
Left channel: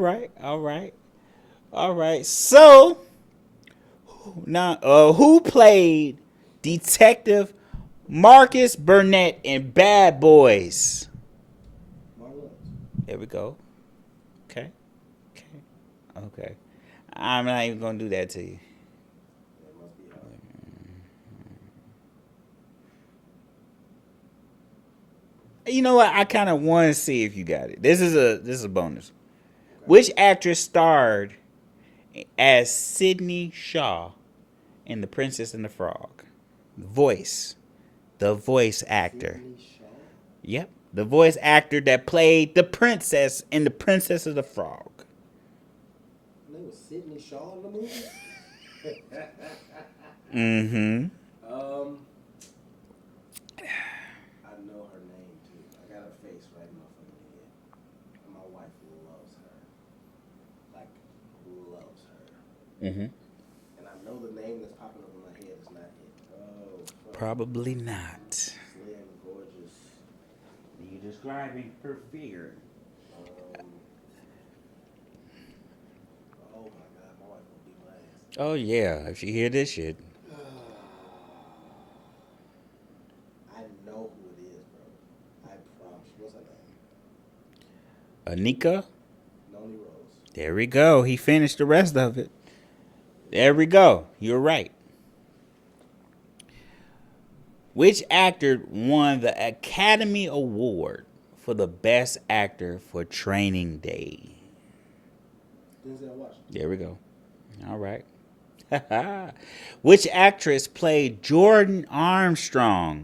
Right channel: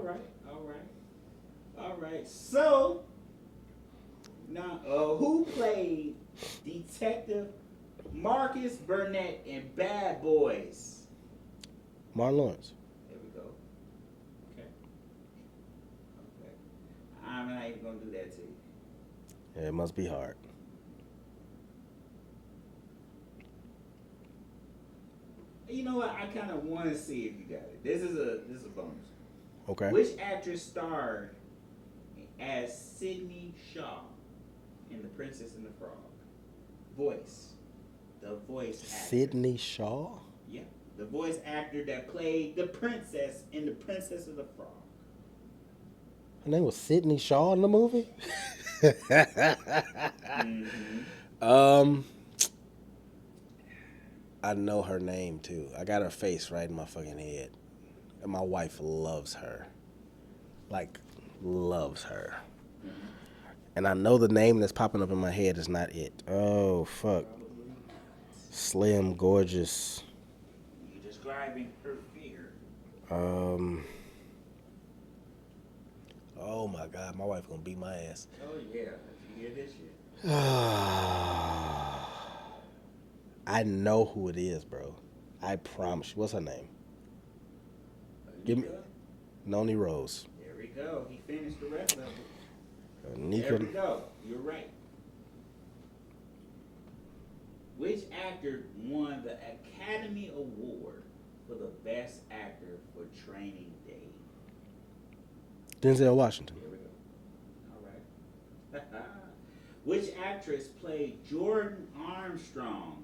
right. So now, who played Detective Marcus Burnett in Bad Boys. Martin Lawrence. There we go. Okay. I'm not even gonna do that to you. Yeah, it must be hard. You know what? I kind of want to see if you got it. This is a bonus. Okay. Which actress starred as Sydney Shaw in The Princess and the Frog? The voice actor. Sydney Shaw? Yep. The voice actor that played the princess in The Princess of the Frog. Her name was Sydney Shaw in the movie? I know her name too. I got her face right in my fucking head. And my wife loves her. Like, loves her. And I know the name that's popping up in my head is not it. Oh, fuck. Probably not. Slim, gorgeous. You describing her fear. Oh my God, my wife gonna beat my ass. Oh yeah, if you hear this shit. I know who it is, bro. I promise you. What's her name? Anika? Noni Rose. There we go. He finished the rest of it. There we go. You're right. Which actor won the Academy Award for the Best Actor for Training Day? Denzel Washington. There we go. All right. Which actress played Jordan Armstrong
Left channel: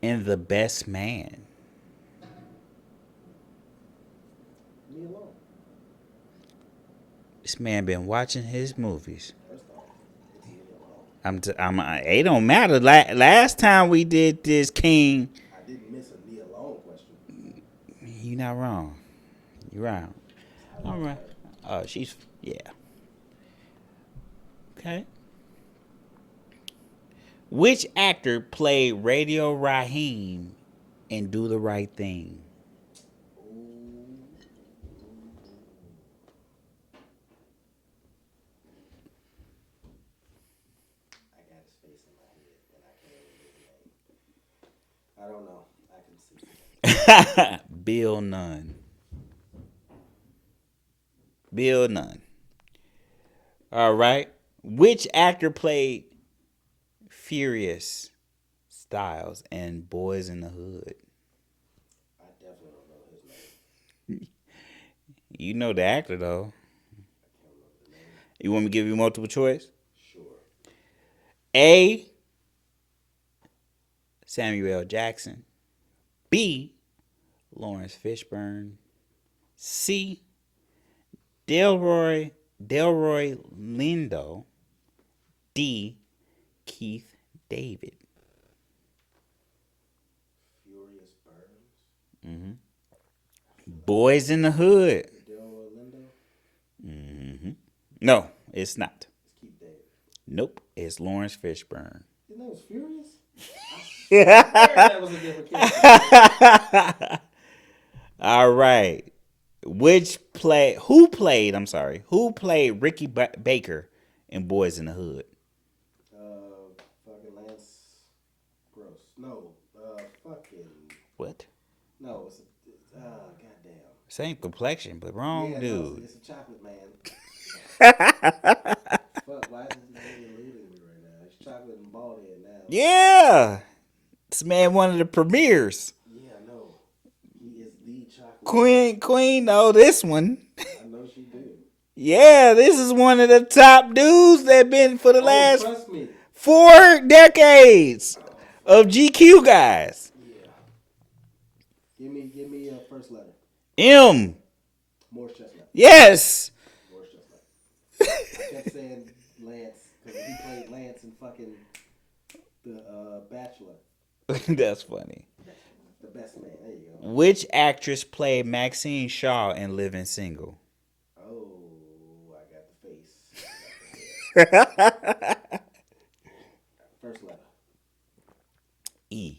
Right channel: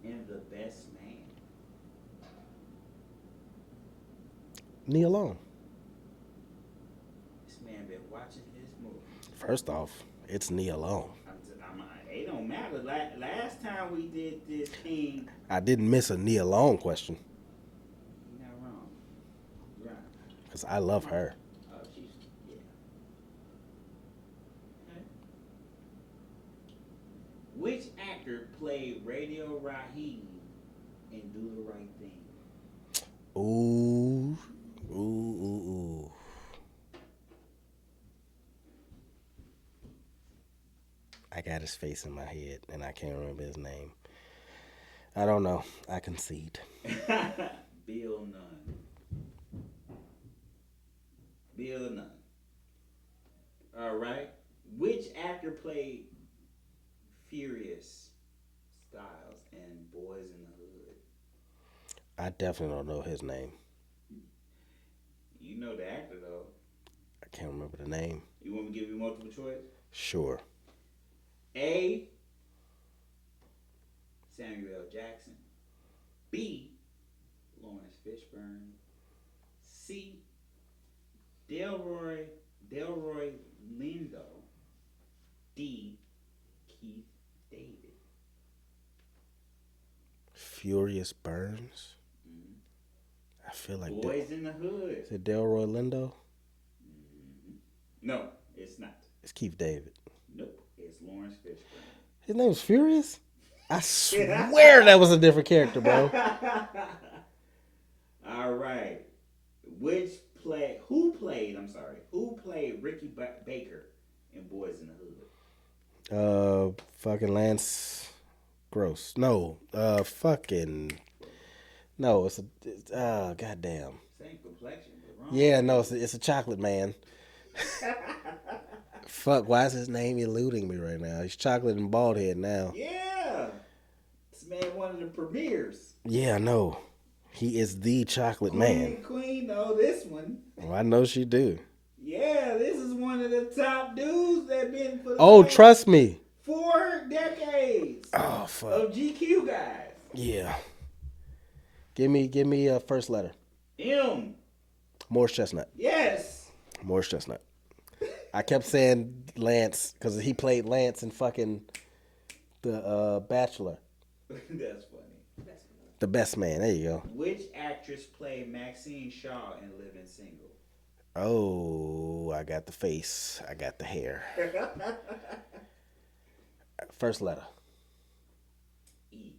in The Best Man? Nia Long. This man been watching his movies. First off, it's Nia Long. It don't matter. Last time we did this, King. I didn't miss a Nia Long question. You're not wrong. You're right. Because I love her. Oh, yeah. Okay. Which actor played Radio Raheem in Do the Right Thing? Ooh. I got his face in my head, and I can't remember his name. I don't know. I concede. Bill Nunn. All right. Which actor played Furious Styles in Boys in the Hood? I definitely don't know his name. You know the actor, though. I can't remember the name. You want me to give you multiple choice? Sure. A. Samuel Jackson. B. Lawrence Fishburne. C. Delroy Lindo. D. Keith David. Furious Burns. Mm-hmm. I feel like Boys in the Hood. the Delroy Lindo. Mm-hmm. No, it's not. It's Keith David. Nope, it's Lawrence Fishburne. His name was Furious? I swear that was a different character, bro. All right. Who played Ricky Baker in Boys in the Hood? Fucking Lance Gross. No, fucking What? no. It's goddamn. Same complexion, but wrong. Yeah, dude. no, it's a chocolate man. Fuck, why is his name eluding me right now? He's chocolate and bald head now. Yeah. This man one of the premieres. Yeah, I know. He is the chocolate man. Queen know this one. Well, I know she do. Yeah, this is one of the top dudes that been for the last Trust me. 4 decades Fuck. of GQ guys. Yeah. Give me a first letter. M. Morris Chestnut. Yes. Morris Chestnut. I kept saying Lance because he played Lance in fucking The Bachelor. That's funny. The Best Man. There you go. Which actress played Maxine Shaw in Living Single? Oh, I got the face. I got the hair. First letter. E.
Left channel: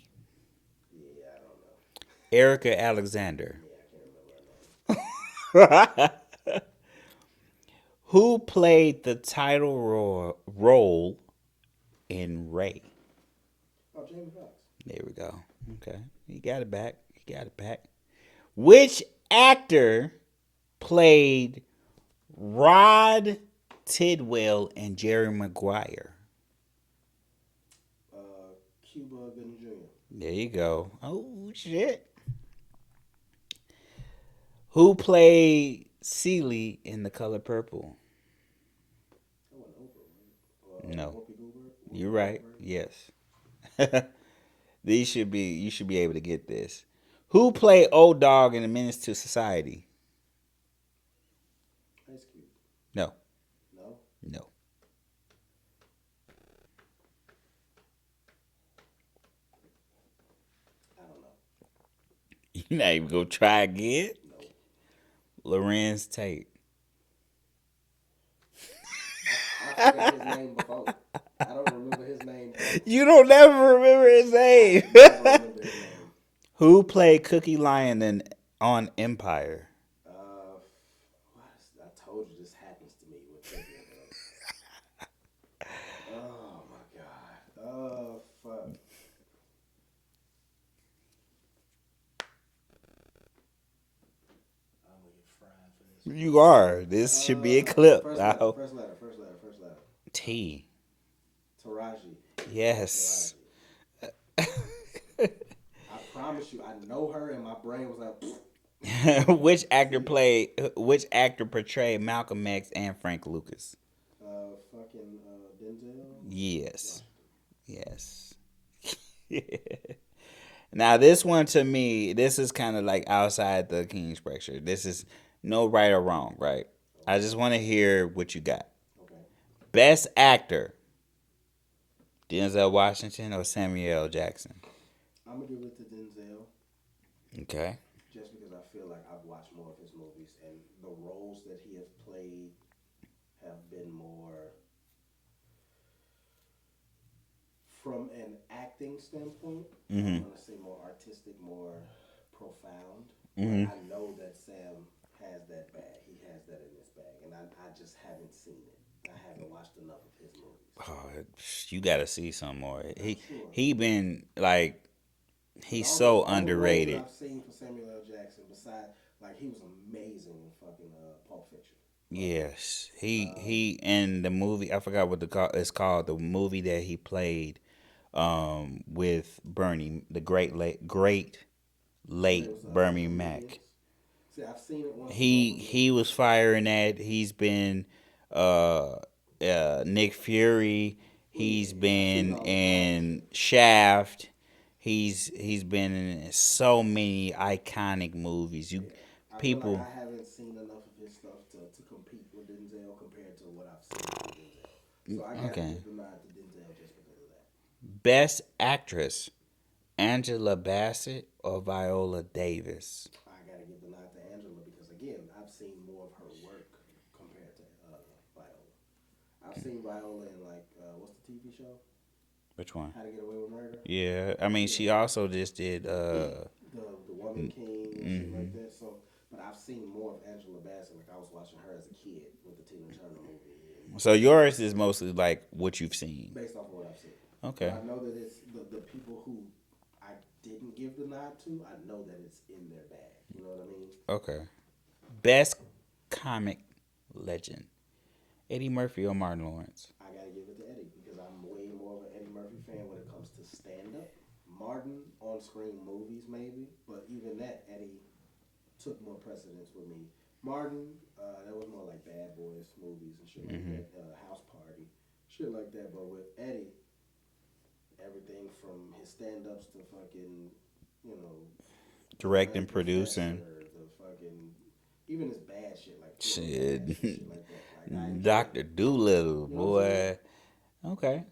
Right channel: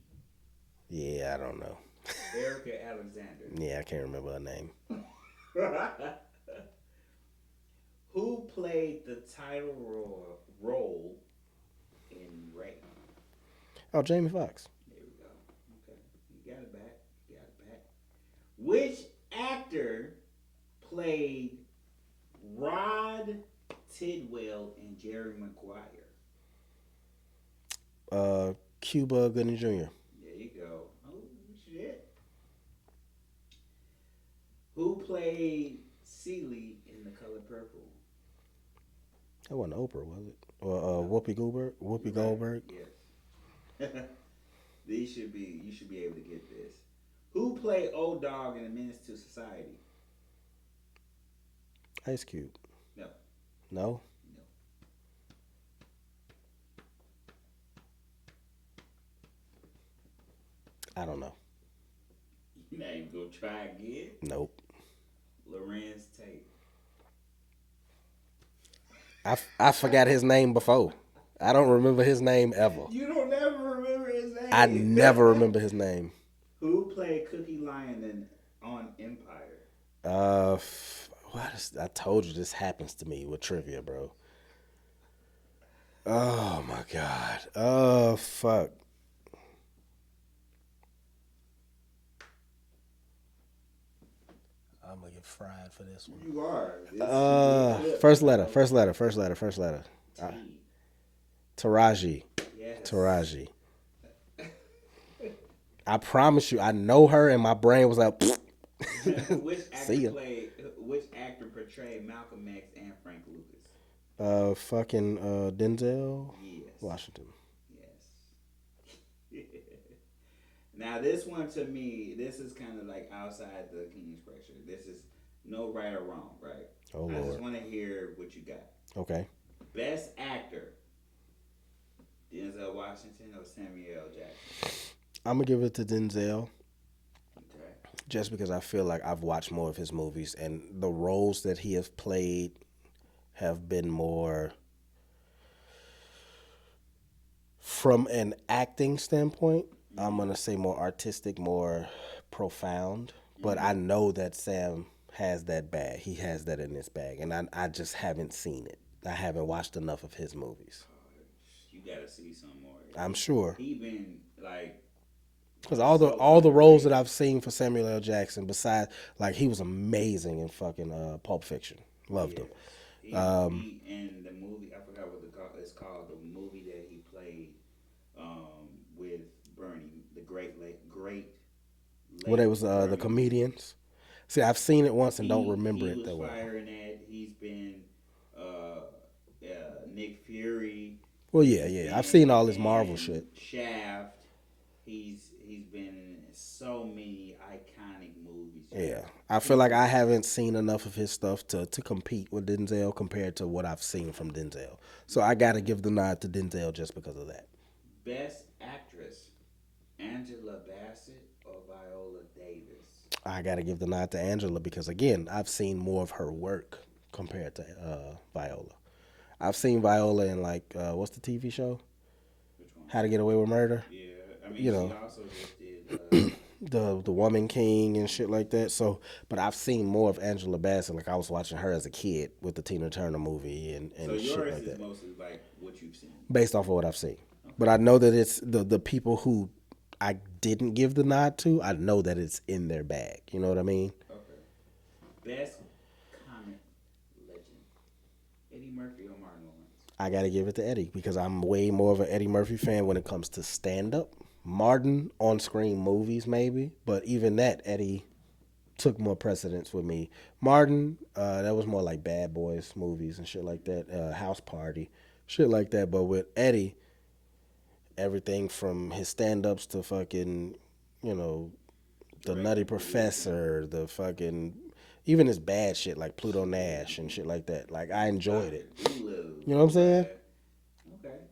Yeah, I don't know. Erica Alexander. Yeah, I can't remember her name. Who played the title role in Ray? Oh, Jamie Foxx. There we go. Okay. You got it back. You got it back. Which actor played Rod Tidwell and Jerry Maguire? Cuba Gooding Jr. There you go. Oh, shit. Who played Celie in The Color Purple? That wasn't Oprah, was it? Or No. Whoopi Goldberg? Whoopi You're right. Goldberg? Yes. You should be able to get this. Who played Old Dog in A Menace to Society? Ice Cube. No. No? No. I don't know. You're not even gonna try again? Nope. Lorenz Tate. I forgot his name before. I don't remember his name ever. You don't never remember his I name. never remember his name. Who played Cookie Lion on Empire? I told you this happens to me with trivia, bro. Oh my god. Oh fuck. I'm gonna get fried for this one. You are. This should be a clip. First letter. T. Taraji. Yes. Taraji. I promise you, I know her, and my brain was like, Which actor portrayed Malcolm X and Frank Lucas? Denzel Yes. Washington. Yes. Now this one to me, this is kind of like outside the king structure. This is no right or wrong, right? Oh, I just want to hear what you got. Okay. Best actor, Denzel Washington or Samuel L. Jackson? I'm gonna give it to Denzel. Okay. Just because I feel like I've watched more of his movies, and the roles that he has played have been more, from an acting standpoint, I'm going to say more artistic, more profound. But I know that Sam has that bag. He has that in his bag, and I just haven't seen it. I haven't watched enough of his movies. Oh, you got to see some more. I'm sure. He been like... He's all so the roles that underrated. I've seen for Samuel L. Jackson, besides, like, he was amazing in fucking Pulp Fiction. Loved him. Yes, he in the movie. I forgot what it's called. The movie that he played with Bernie, the great late When it was Bernie the Mac. comedians. See, I've seen it once and don't remember. He it was that firing that. He's been Nick Fury. Well, He's yeah. been I've seen all this Marvel in shit. Shaft. He's been in so many iconic movies. Yeah. I feel like I haven't seen enough of his stuff to compete with Denzel compared to what I've seen from Denzel. So I got to give the nod to Denzel just because of that. Best actress, Angela Bassett or Viola Davis? I got to give the nod to Angela because, again, I've seen more of her work compared to Viola. I've seen Viola in, like, what's the TV show? Which one? How to Get Away with Murder. Yeah, I mean, she also just did The Woman King and shit like that. So, but I've seen more of Angela Bassett. Like, I was watching her as a kid with the Tina Turner movie. And so shit yours like is that. mostly like what you've seen. Based off of what I've seen. Okay. But I know that it's the people who I didn't give the nod to, I know that it's in their bag. You know what I mean? Okay. Best comic legend, Eddie Murphy or Martin Lawrence? I got to give it to Eddie because I'm way more of an Eddie Murphy fan when it comes to stand-up. Martin on-screen movies maybe, but even that, Eddie took more precedence with me. Martin, that was more like Bad Boys movies and shit like that, House Party, shit like that. But with Eddie, everything from his stand-ups to fucking, the Directing, Nutty producing. Professor, the fucking... Even his bad shit like Pluto Nash and shit like that. Like, I enjoyed Dr. it. Doolittle. You know what I'm boy. saying? Okay.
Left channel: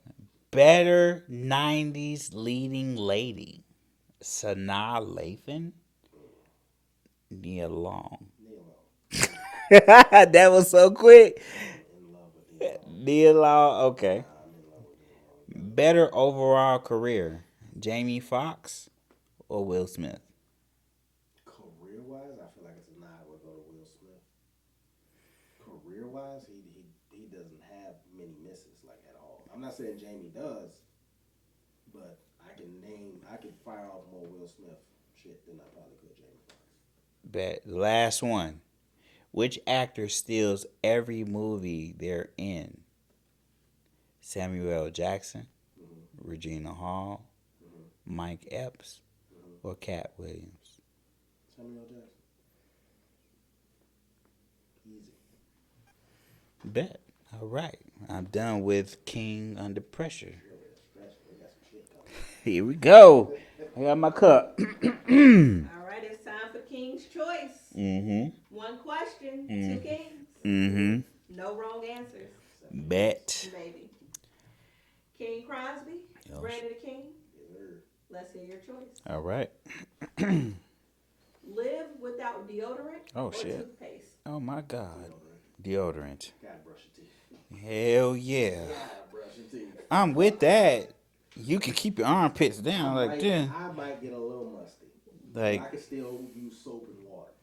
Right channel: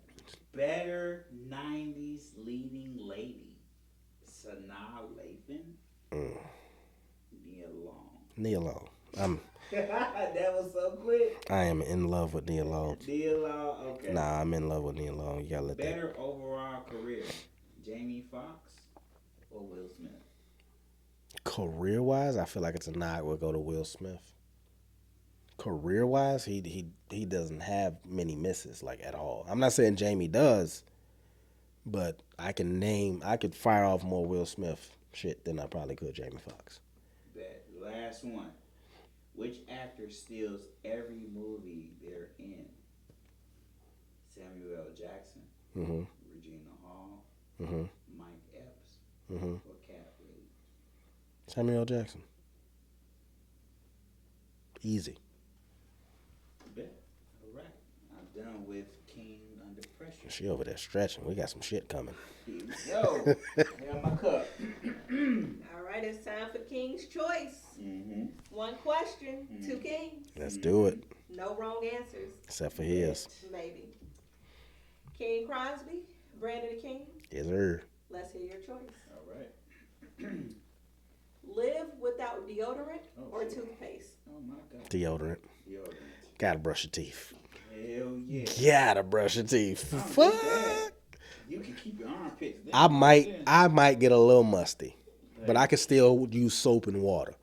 Better 90s leading lady, Sanaa Lathan, Nia Long. Nia Long. That was so quick. I am in love with Nia Long. Nia Long, okay. Nah, I'm in love with Nia Long. You gotta let Better overall career, Jamie Foxx or Will Smith? Career-wise, I feel like it's a nod. We'll go to Will Smith. Career-wise, he doesn't have many misses, like, at all. I'm not saying Jamie does, but I could fire off more Will Smith shit than I probably could Jamie Foxx. Bet. Last one. Which actor steals every movie they're in? Samuel L. Jackson, Regina Hall, Mike Epps, or Cat Williams? Samuel L. Jackson. Easy. Bet. All right. I'm done with King Under Pressure. She over there stretching. We got some shit coming. Here we go. I got my cup. All right, it's time for King's Choice. One question, 2 kings. Let's do it. No wrong answers. Except for his. Bet. Maybe. King Crosby, Brandon the King. Yes, sir. Let's hear your choice. All right. Live without deodorant Oh, or shit. toothpaste? Oh, my God. Deodorant. Gotta brush your teeth. Hell yeah. Gotta brush your teeth. I'm with that. You can keep your armpits down. I might get a little musty, but Like- I can still use soap and water.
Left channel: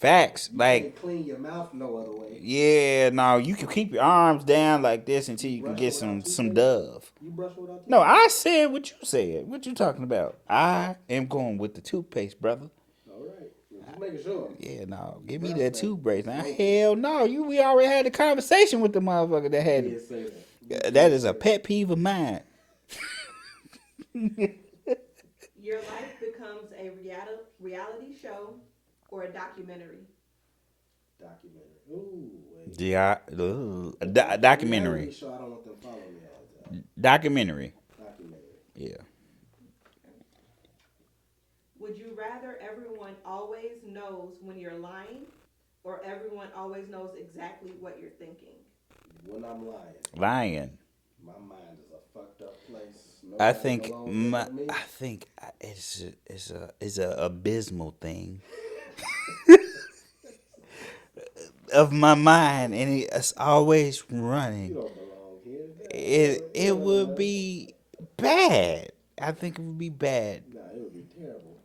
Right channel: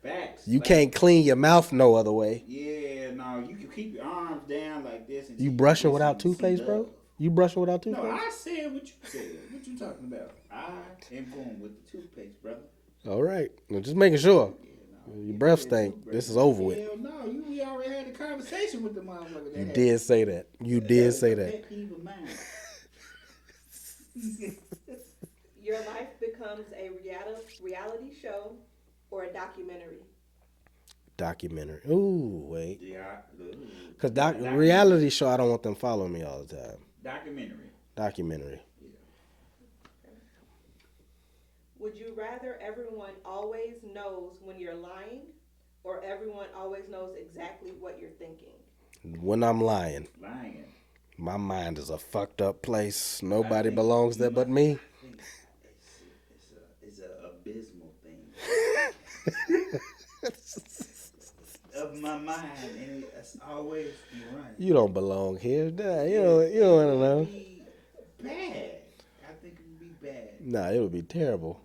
Facts. You Like, can't clean your mouth no other way. Yeah, no, you can keep your arms down like this until You you brush get it without some toothpaste? Dove. though? You brush it without toothpaste? No, I said what you said. What you talking about? I am going with the toothpaste, brother. All right. Well, just making sure. Yeah, no. Your Give me breath that stink. toothbrush. This is Now, over with. hell no. We already had a conversation with the motherfucker that You had did say that. You did that is say a that. pet peeve of mine. Your life becomes a reality show or a documentary? Documentary. Ooh, wait. Yeah, A documentary. reality show, I don't want them following me all the time. Documentary. Documentary. Yeah. Would you rather everyone always knows when you're lying or everyone always knows exactly what you're thinking? When I'm lying, My mind is a fucked up place. I Nobody think belongs there but me. I think it's a abysmal thing of my mind, and it's always running. You don't belong here. Nah, It would be bad. I think it would be bad. Nah, it would be terrible.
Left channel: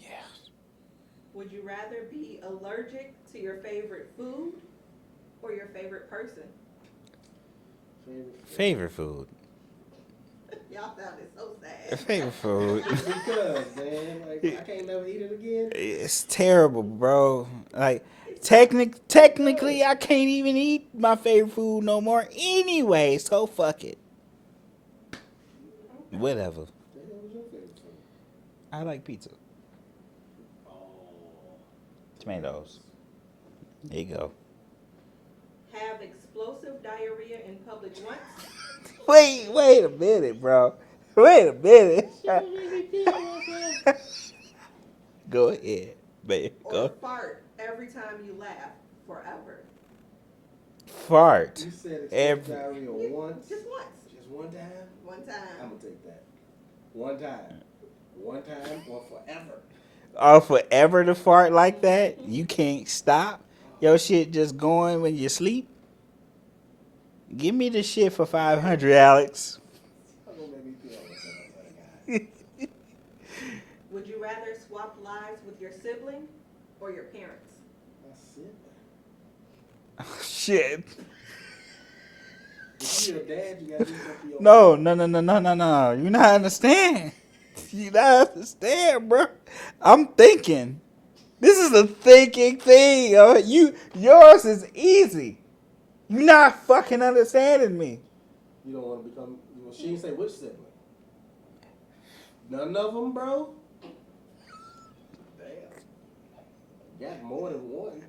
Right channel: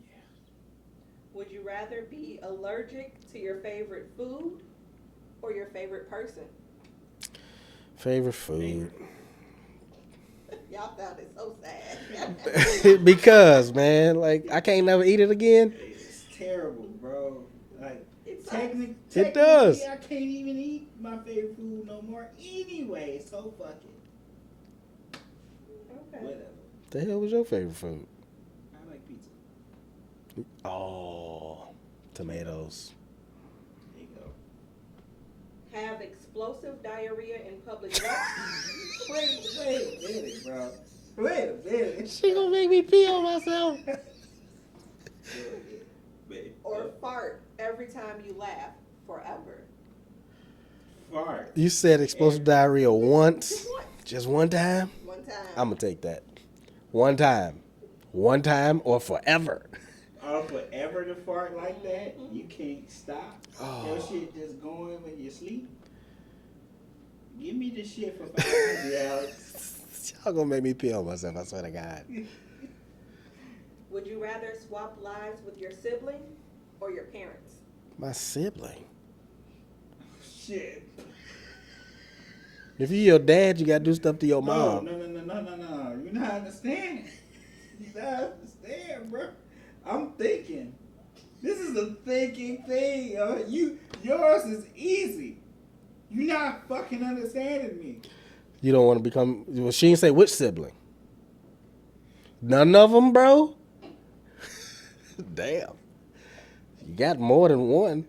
Yeah. Would you rather be allergic to your favorite food or your favorite person? Favorite food. Y'all found it so sad. Favorite food. Because, man, like, I can't never eat it again. It's terrible, bro. Like technically, does. I can't even eat my favorite food no more anyway. So fuck it. Whatever. The hell was your favorite food? I like pizza. Oh, tomatoes. There you go. Have explosive diarrhea in public walks Wait a minute, bro. Wait a minute. She gonna make me pee on myself. Go ahead, babe. or Go. fart every time you laugh forever? Fart. You said explosive diarrhea once. Just once. Just one time? One time. I'm gonna take that. One time. One time or forever. Or forever to fart like that? You can't stop? Your shit just going when you sleep? Give me the shit for 500, Alex. Y'all gonna make me pee on myself, I swear to God. Would you rather swap lives with your sibling or your parents? My sibling. Shit. If you your dad, you gotta do stuff to your No. mom. You not understand. You not understand, bro. I'm thinking. This is a thinking thing. Yours is easy. You not fucking understanding me. You don't want to become. Well, she didn't say which sibling. None of them, bro. Damn. You got more than one.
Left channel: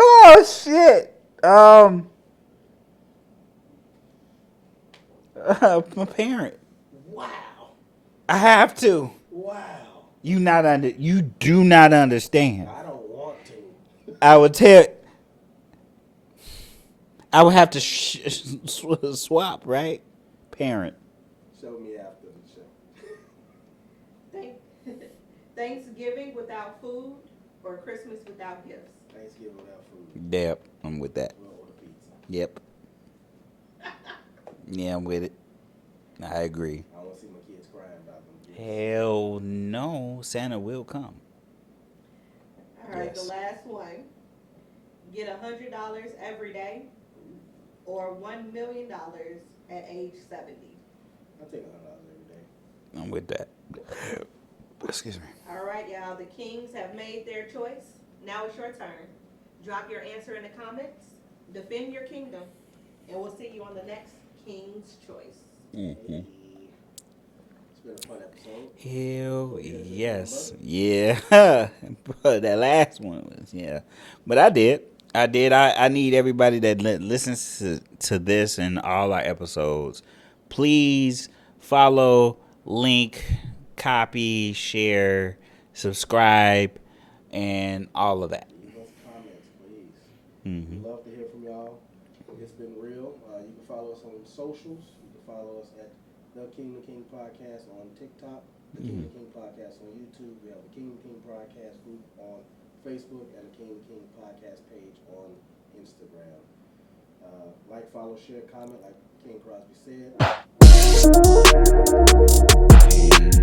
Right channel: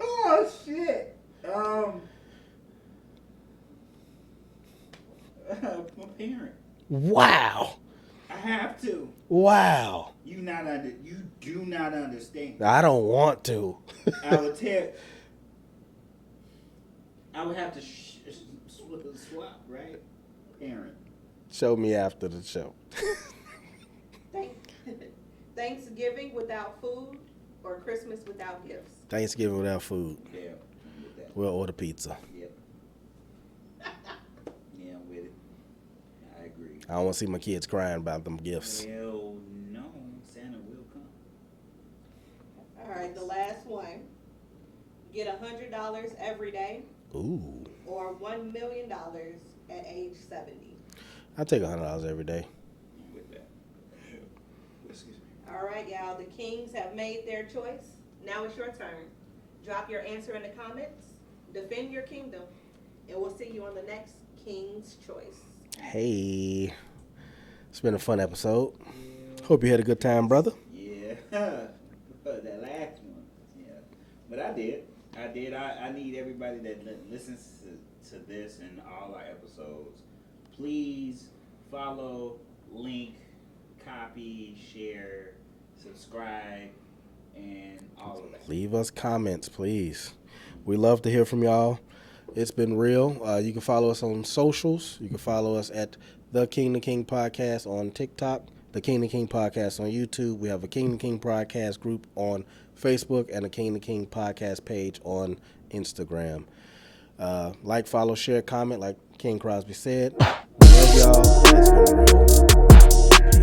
Oh shit. My parent. Wow. I have to. Wow. You do not understand. I don't want to. I would tell. I would have to swap, right? Parent. Show me after the show. Thanksgiving without food or Christmas without gifts? Thanksgiving without food. Yep, I'm with that. We'll order pizza. Yep. Yeah, I'm with it. I agree. I don't want to see my kids crying about them gifts. Hell no, Santa will come. All right, Yes. the last one. Get $100 every day Ooh. or $1 million at age 70. I take $100 every day. I'm with that. Excuse me. All right, y'all. The Kings have made their choice. Now it's your turn. Drop your answer in the comments. Defend your kingdom. And we'll see you on the next King's Choice. Hey. It's been a fun episode. Hell Hope you had a good time, brother. Yeah. But that last one was, yeah. But I did. I need everybody that listens to this and all our episodes. Please follow, link, copy, share, subscribe, and all of that. Leave us comments, please. We love to hear from y'all. It's been real. You can follow us on socials. You can follow us at The King and King Podcast on TikTok, The King and King Podcast on YouTube. We have a King and King Podcast group on Facebook and a King and King Podcast page on Instagram. Like, follow, share, comment, like King Crosby said. Love y'all. It's been real.